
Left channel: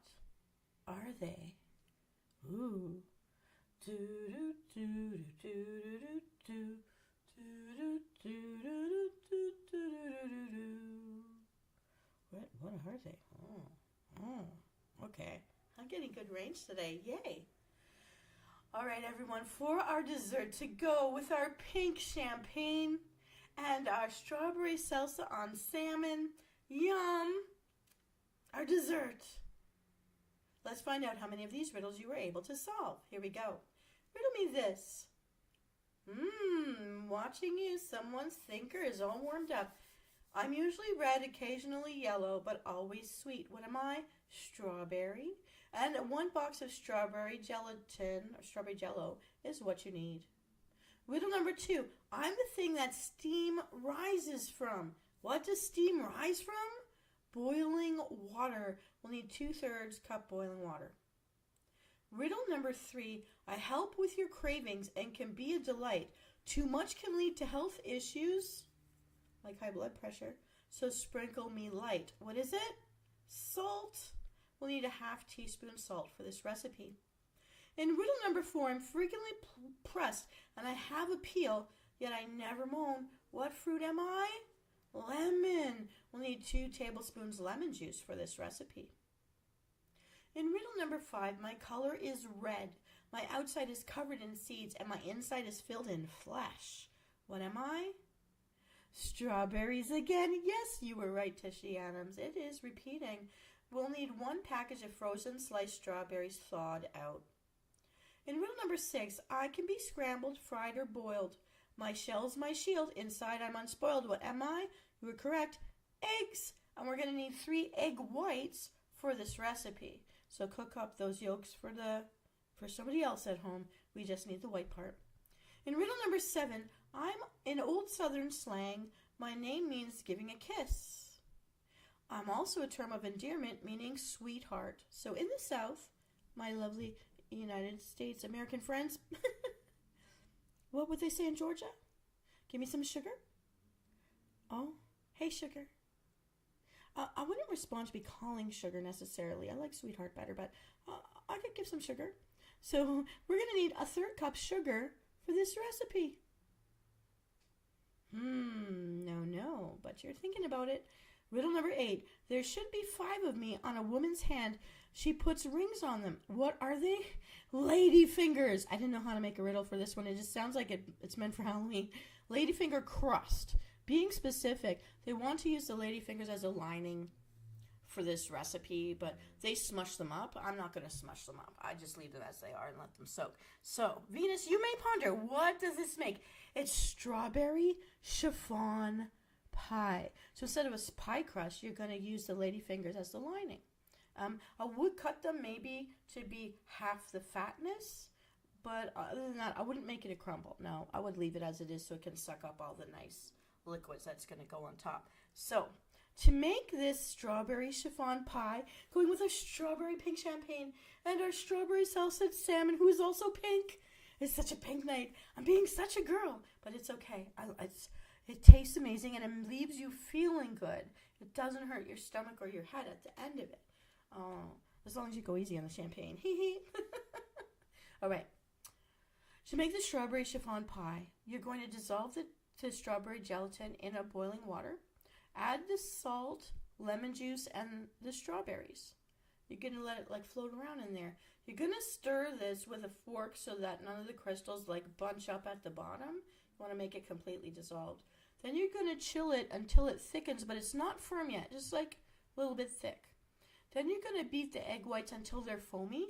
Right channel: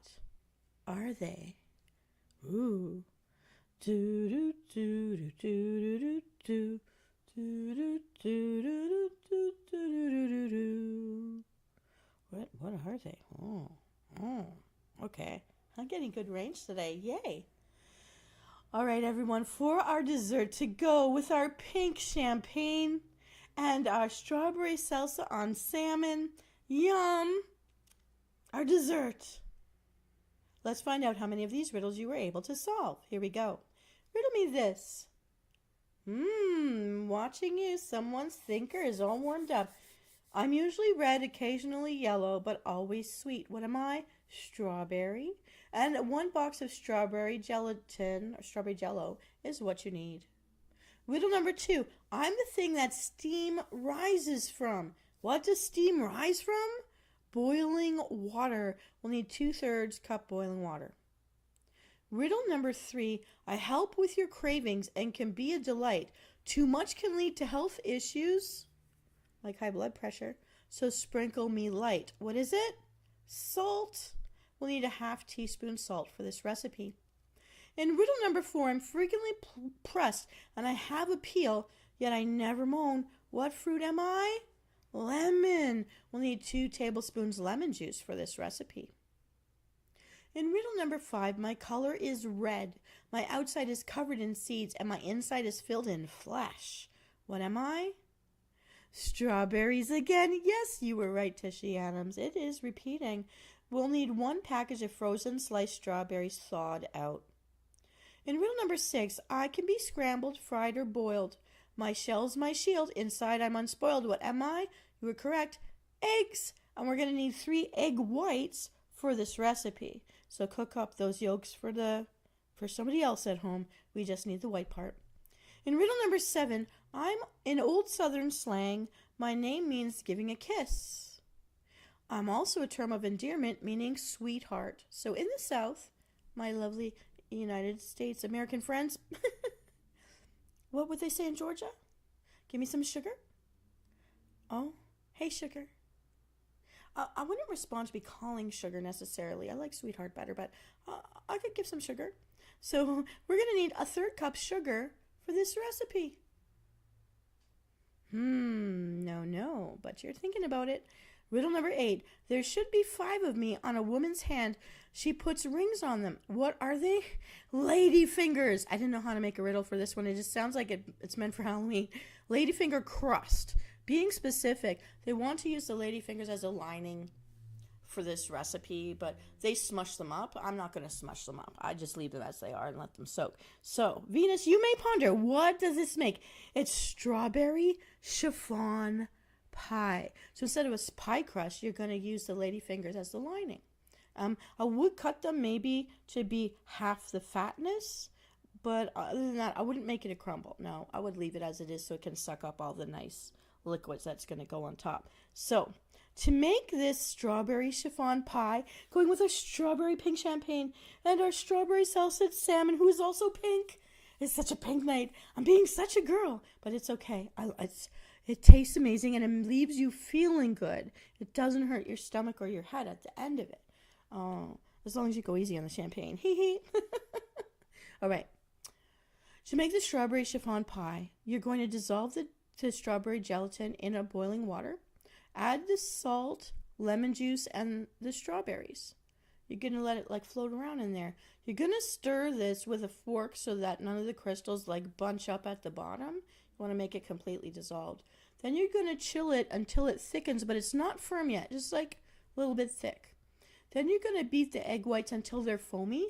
are they? Ooh. Do do do do do do do do do do do do do do. What are they? Okay. I'm getting good range today. Yay. All right, everyone, for our dessert to go with our pink champagne and our strawberry salsa on salmon. Yum! Our dessert. Let's find out how many of these riddles you were able to solve. Here we go. Riddle me this. Watching you. Someone's thinker is all warmed up. I'm usually red, occasionally yellow, but always sweet. What am I? Strawberry. And 1 box of strawberry gelatin, or strawberry jello, is what you need. Riddle number 2. I'm the thing that steam rises from. What does steam rise from? Boiling water. We'll need 2/3 cup boiling water. Riddle number 3. I help with your cravings and can be a delight. Too much can lead to health issues, like high blood pressure, so sprinkle me light. What is it? Salt. We'll need a 1/2 teaspoon salt for this recipe. In riddle number 4, I'm frequently pressed and I have a peel, yet I never moan. What fruit am I? Lemon. We'll need 2 tablespoons lemon juice for this recipe. In riddle number 5, my color is red. My outside is covered in seeds, and my inside is filled in flesh. What am I? Strawberries again. Yes, you were right, Tishy Adams. It is repeating. We'll need 1 package of frozen sliced strawberries thawed out. In riddle number 6, I can be scrambled, fried, or boiled. My shell's my shield. Inside I'm unspoiled. What am I? You were correct. Eggs. And we're going to need 3 egg whites for this recipe. So cook up those yolks for somebody else at home. We just need the white part. In riddle number 7, I'm in old Southern slang. My name means giving a kiss. I'm also a term of endearment meaning sweetheart. So in the South, my lovely United States American friends, what would they say in Georgia? Give me some sugar? Oh, hey sugar. I wouldn't respond to be calling sugar necessarily. I like sweetheart better, but I could give some sugar. So we're going to need a 3rd cup sugar for this recipe. No, but you're thinking about it. Riddle number 8. There should be 5 of me on a woman's hand. She puts rings on them. What are they? Lady fingers. I didn't know how to make a riddle for this one. It just sounds like it's meant for Halloween. Ladyfinger crust. Being specific, they want to use the ladyfingers as a lining for this recipe, but they smush them up. I'm not going to smush them up. I just leave them as they are and let them soak. So, Venus, you may ponder, what does this make? It's strawberry chiffon pie. So instead of a pie crust, you're going to use the ladyfingers as the lining. I would cut them maybe to be half the fatness, but other than that, I wouldn't make it a crumble. No, I would leave it as it is so it can suck up all the nice liquids that's going to go on top. So to make this strawberry chiffon pie, going with our strawberry pink champagne and our strawberry salted salmon, who is also pink. It's such a pink night. I'm being such a girl, but it's okay. It tastes amazing and it leaves you feeling good. It doesn't hurt your stomach or your head at the end of it. Oh, as long as you go easy on the champagne. Hee hee. All right. To make the strawberry chiffon pie, you're going to dissolve the strawberry gelatin in a boiling water. Add the salt, lemon juice, and the strawberries. You're going to let it float around in there. You're going to stir this with a fork so that none of the crystals bunch up at the bottom. You want to make it completely dissolved. Then you're going to chill it until it thickens, but it's not firm yet, just a little bit thick. Then you're going to beat the egg whites until they're foamy,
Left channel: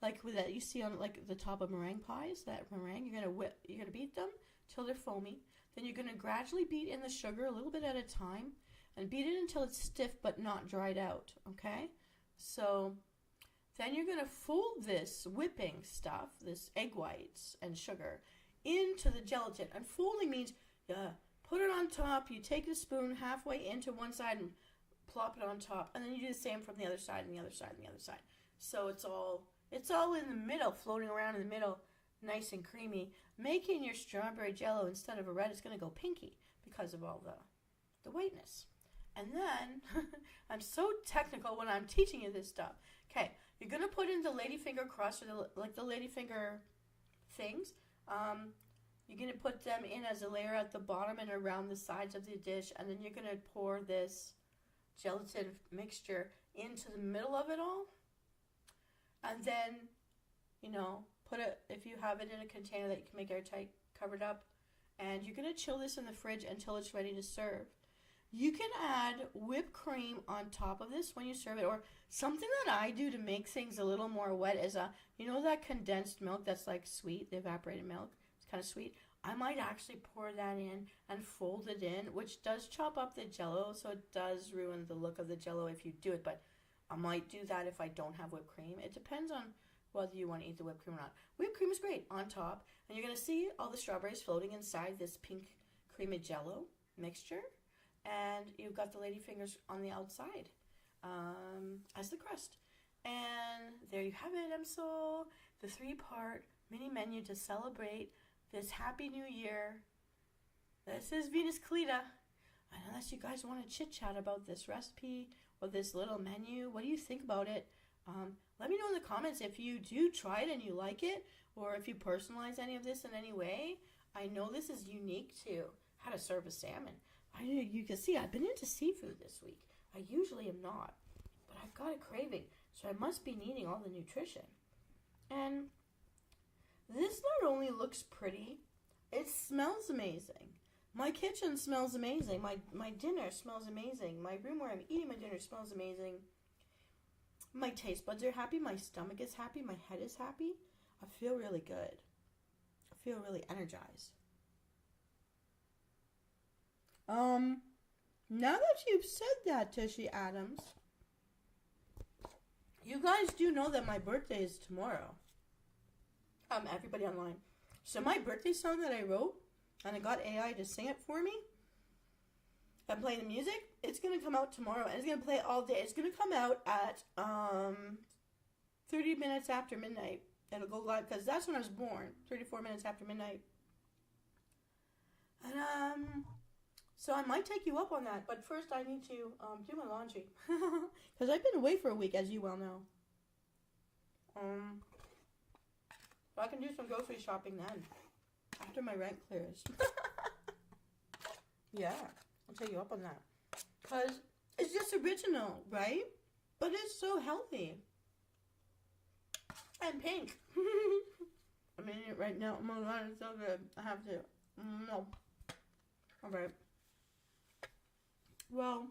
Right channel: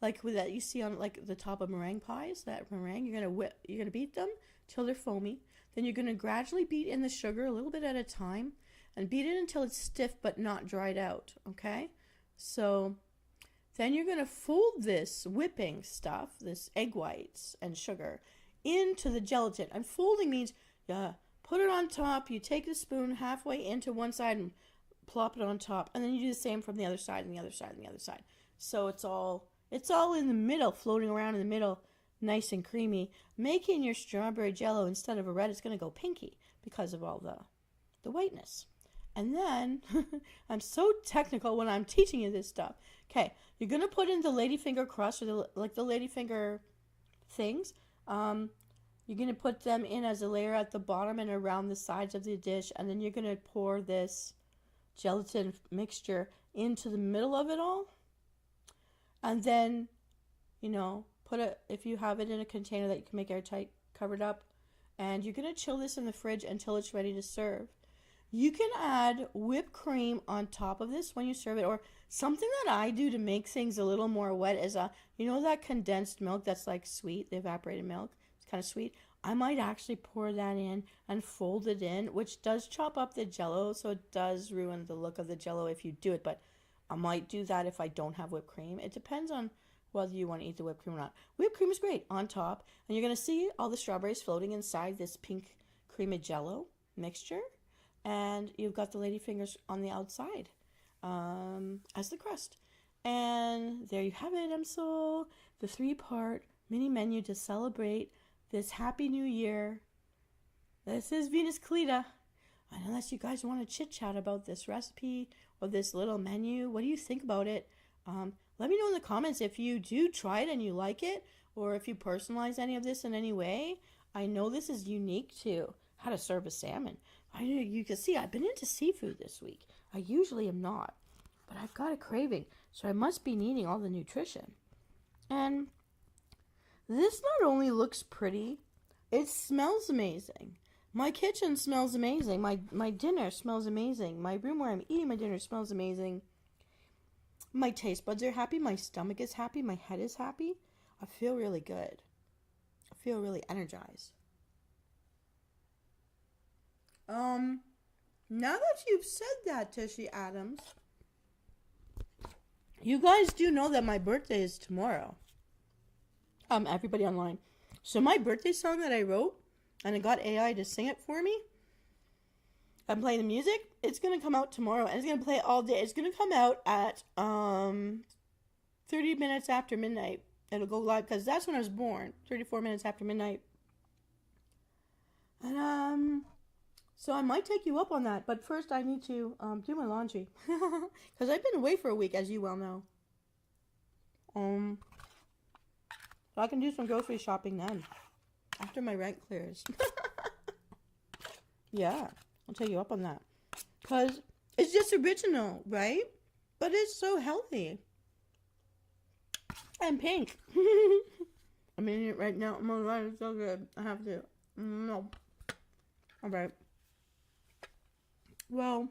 like with that you see on the top of meringue pies. That meringue, you're going to beat them till they're foamy. Then you're going to gradually beat in the sugar a little bit at a time and beat it until it's stiff but not dried out, okay? So then you're going to fold this whipping stuff, this egg whites and sugar, into the gelatin. And folding means put it on top, you take the spoon halfway into one side and plop it on top, and then you do the same from the other side and the other side and the other side. So it's all in the middle, floating around in the middle, nice and creamy, making your strawberry jello, instead of a red, it's going to go pinky because of all the whiteness. And then, I'm so technical when I'm teaching you this stuff. Okay, you're going to put in the ladyfinger crust, or the ladyfinger things. You're going to put them in as a layer at the bottom and around the sides of the dish, and then you're going to pour this gelatin mixture into the middle of it all. And then, if you have it in a container that you can make airtight, covered up, and you're going to chill this in the fridge until it's ready to serve. You can add whipped cream on top of this when you serve it, or something that I do to make things a little more wet is that condensed milk that's sweet, the evaporated milk, it's kind of sweet. I might actually pour that in and fold it in, which does chop up the jello, so it does ruin the look of the jello if you do it, but I might do that if I don't have whipped cream. It depends on whether you want to eat the whipped cream or not. Whipped cream is great on top, and you're going to see all the strawberries floating inside this pink creamy jello mixture, and you've got the ladyfingers on the outside as the crust. And there you have it, Msoul, the 3-part mini menu to celebrate this Happy New Year. This is Venus Callida. And unless you guys want to chit-chat about this recipe or this little menu, what do you think about it? Let me know in the comments if you do try it and you like it, or if you personalize any of this in any way. I know this is unique to how to serve a salmon. You can see I've been into seafood this week. I usually am not. but I've got a craving, so I must be needing all the nutrition. And this not only looks pretty, it smells amazing. My kitchen smells amazing. My dinner smells amazing. My room where I'm eating my dinner smells amazing. My taste buds are happy. My stomach is happy. My head is happy. I feel really good. I feel really energized. Now that you've said that, Tishy Adams, you guys do know that my birthday is tomorrow. Everybody online. So my birthday song that I wrote, and I got AI to sing it for me, I'm playing the music. It's going to come out tomorrow, and it's going to play all day. It's going to come out at 30 minutes after midnight. It'll go live, because that's when I was born, 34 minutes after midnight. And, so I might take you up on that, but first I need to do my laundry. Because I've been away for a week, as you well know. I can do some grocery shopping then, after my rent clears. Yeah, I'll take you up on that. Because it's just original, right? But it's so healthy. And pink. I'm eating it right now. Oh my god, it's so good. I have to. No. Alright. Well,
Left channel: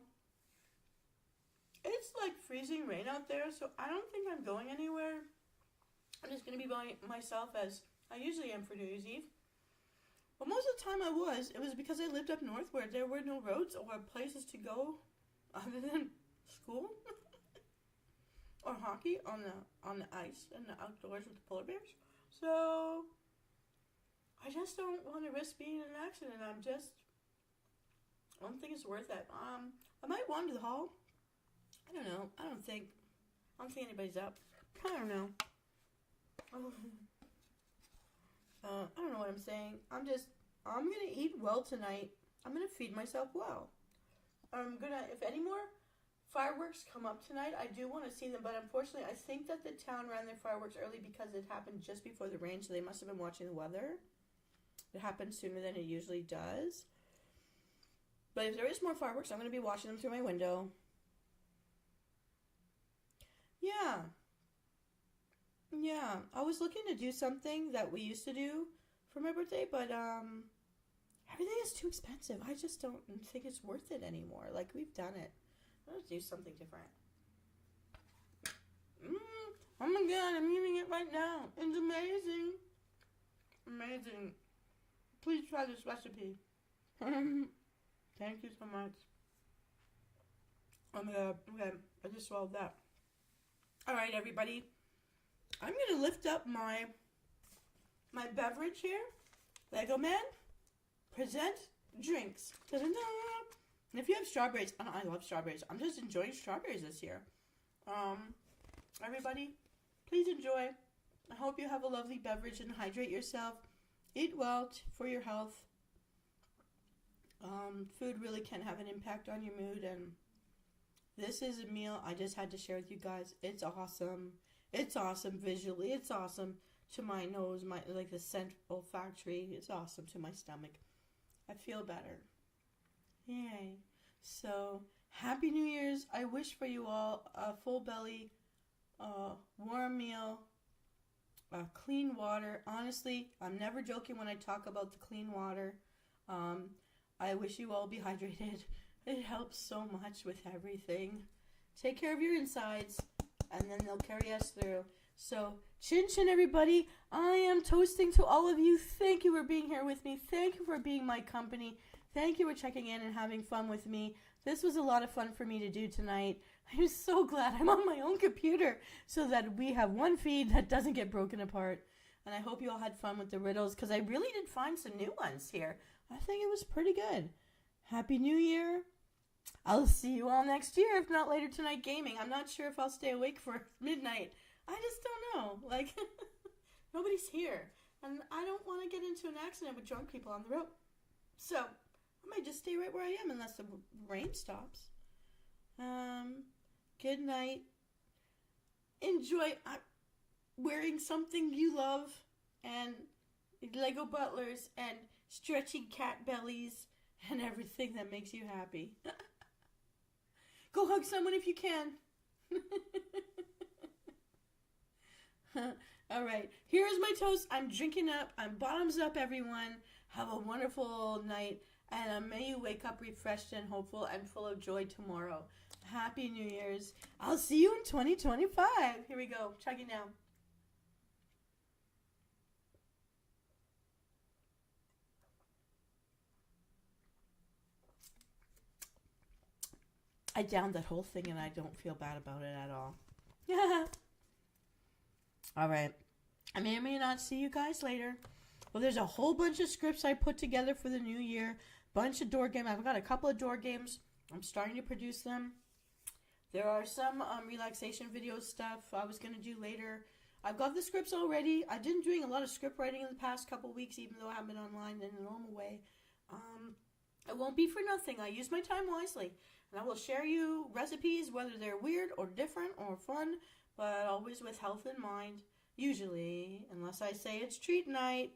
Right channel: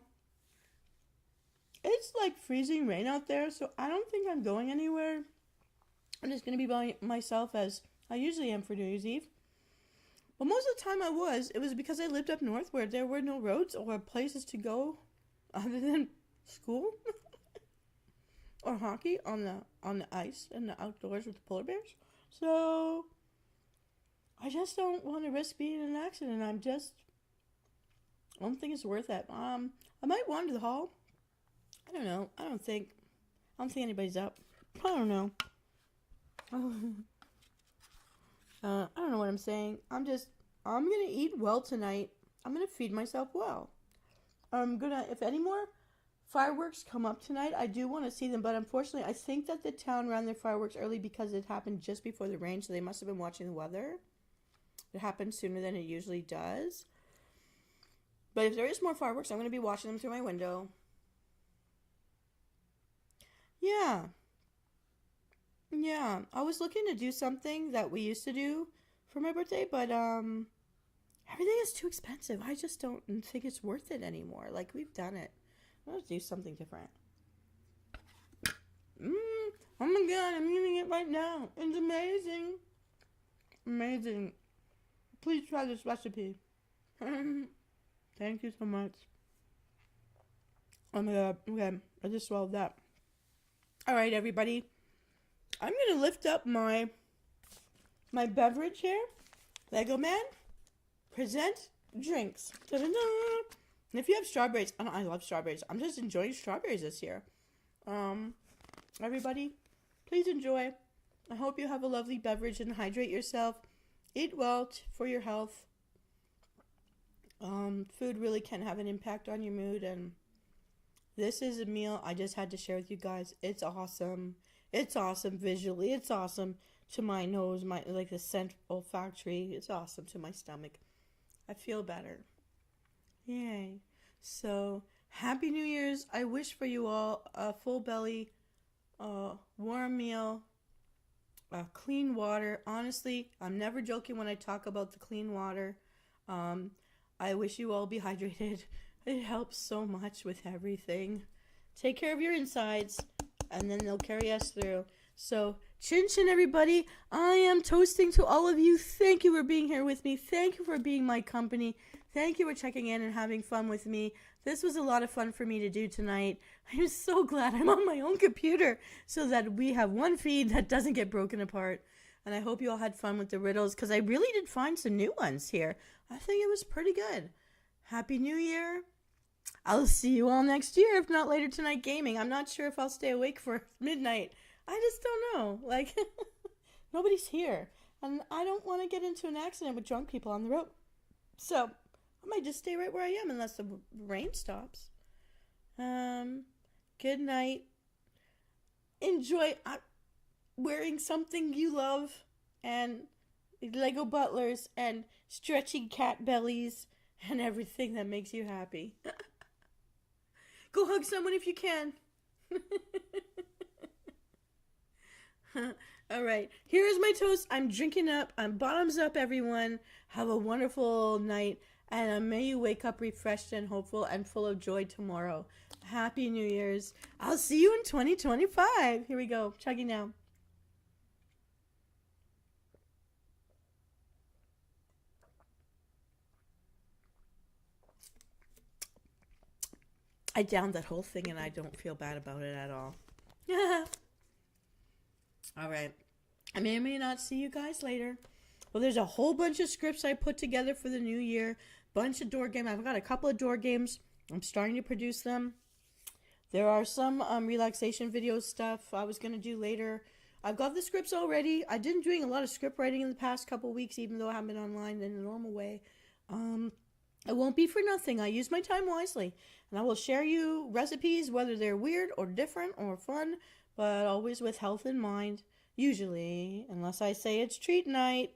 it's like freezing rain out there, so I don't think I'm going anywhere. I'm just going to be by myself as I usually am for New Year's Eve. But most of the time it was because I lived up north where there were no roads or places to go other than school or hockey on the ice and the outdoors with the polar bears. So I just don't want to risk being in an accident. I don't think it's worth it. I might wander the hall. I don't know. I don't think anybody's up. I don't know. I don't know what I'm saying. I'm gonna eat well tonight. I'm gonna feed myself well. If any more fireworks come up tonight, I do want to see them, but unfortunately, I think that the town ran their fireworks early because it happened just before the rain, so they must have been watching the weather. It happened sooner than it usually does. But if there is more fireworks, I'm gonna be watching them through my window. Yeah. Yeah, I was looking to do something that we used to do for my birthday, but everything is too expensive. I just don't think it's worth it anymore. Like, we've done it. Let's do something different. Oh my god, I'm eating it right now. It's amazing. Amazing. Please try this recipe. Thank you so much. Oh my god, okay, I just swallowed that. Alright, everybody. I'm going to lift up my beverage here. Lego Man, present drinks. Da-da-da. And if you have strawberries, I love strawberries. I'm just enjoying strawberries this year. Everybody, please enjoy. I hope you have a lovely beverage and hydrate yourself. Eat well for your health. Food really can have an impact on your mood, and this is a meal I just had to share with you guys. It's awesome. It's awesome visually. It's awesome to my nose, like the scent olfactory. It's awesome to my stomach. I feel better. Yay. So, Happy New Year's. I wish for you all a full belly, warm meal, clean water. Honestly, I'm never joking when I talk about the clean water. I wish you all be hydrated. It helps so much with everything. Take care of your insides, and then they'll carry us through. So, chin chin, everybody. I am toasting to all of you. Thank you for being here with me. Thank you for being my company. Thank you for checking in and having fun with me. This was a lot of fun for me to do tonight. I'm so glad I'm on my own computer so that we have one feed that doesn't get broken apart. And I hope you all had fun with the riddles, because I really did find some new ones here. I think it was pretty good. Happy New Year. I'll see you all next year, if not later tonight gaming. I'm not sure if I'll stay awake for midnight. I just don't know. Like, nobody's here. And I don't want to get into an accident with drunk people on the road. So, I might just stay right where I am unless the rain stops. Good night. Enjoy wearing something you love, and Lego butlers, and stretchy cat bellies, and everything that makes you happy. Go hug someone if you can. All right, here is my toast. I'm drinking up. I'm bottoms up, everyone. Have a wonderful night, and may you wake up refreshed and hopeful and full of joy tomorrow. Happy New Year's. I'll see you in 2025. Here we go. Chugging now. I downed that whole thing and I don't feel bad about it at all. All right. I may or may not see you guys later. Well, there's a whole bunch of scripts I put together for the new year. Bunch of door games. I've got a couple of door games. I'm starting to produce them. There are some relaxation video stuff I was going to do later. I've got the scripts already. I've been doing a lot of script writing in the past couple weeks, even though I haven't been online in a normal way. It won't be for nothing. I use my time wisely. And I will share you recipes, whether they're weird or different or fun, but always with health in mind. Usually, unless I say it's treat night.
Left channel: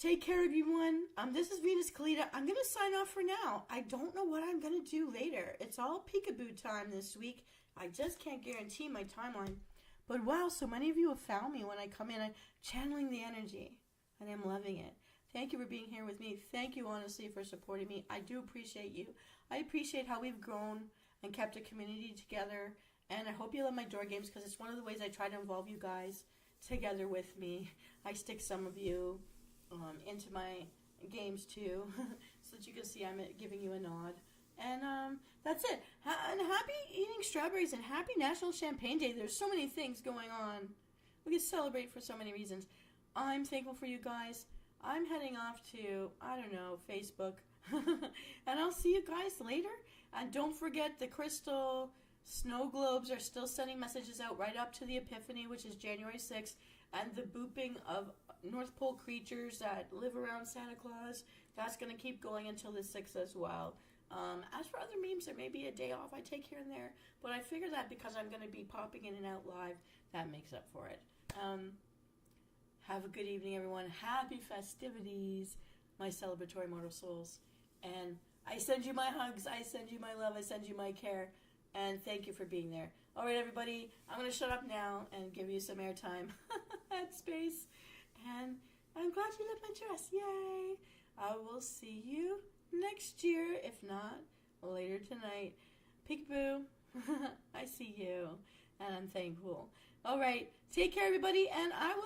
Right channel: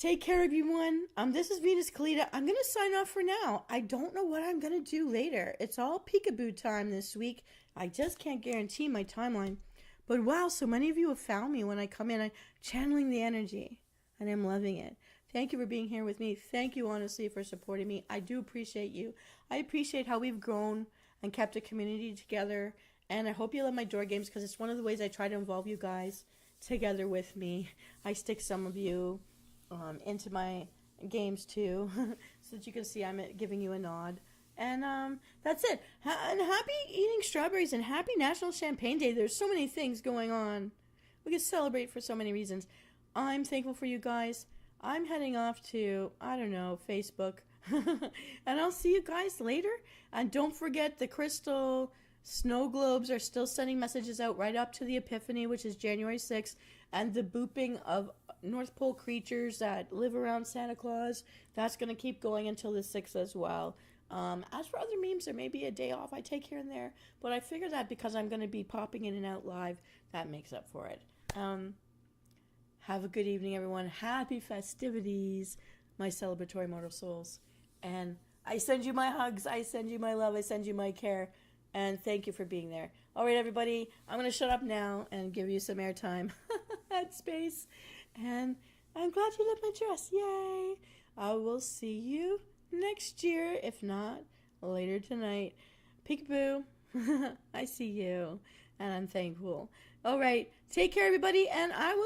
Take care, everyone. This is Venus Callida. I'm going to sign off for now. I don't know what I'm going to do later. It's all peekaboo time this week. I just can't guarantee my timeline. But wow, so many of you have found me when I come in. I'm channeling the energy, and I'm loving it. Thank you for being here with me. Thank you, honestly, for supporting me. I do appreciate you. I appreciate how we've grown and kept a community together. And I hope you love my door games because it's one of the ways I try to involve you guys together with me. I stick some of you into my games too so that you can see I'm giving you a nod. And that's it. And happy eating strawberries and happy National Champagne Day. There's so many things going on. We can celebrate for so many reasons. I'm thankful for you guys. I'm heading off to, I don't know, Facebook. And I'll see you guys later. And don't forget the crystal snow globes are still sending messages out right up to the Epiphany, which is January 6th. And the booping of North Pole creatures that live around Santa Claus, that's going to keep going until the 6th as well. As for other memes, there may be a day off I take here and there. But I figure that because I'm going to be popping in and out live, that makes up for it. Have a good evening, everyone. Happy festivities, my celebratory mortal souls. And I send you my hugs. I send you my love. I send you my care. And thank you for being there. All right, everybody. I'm going to shut up now and give you some airtime at space. And I'm glad you love my dress. Yay. I will see you next year, if not later tonight. Peekaboo. I see you. And I'm thankful. All right. Take care, everybody. And I will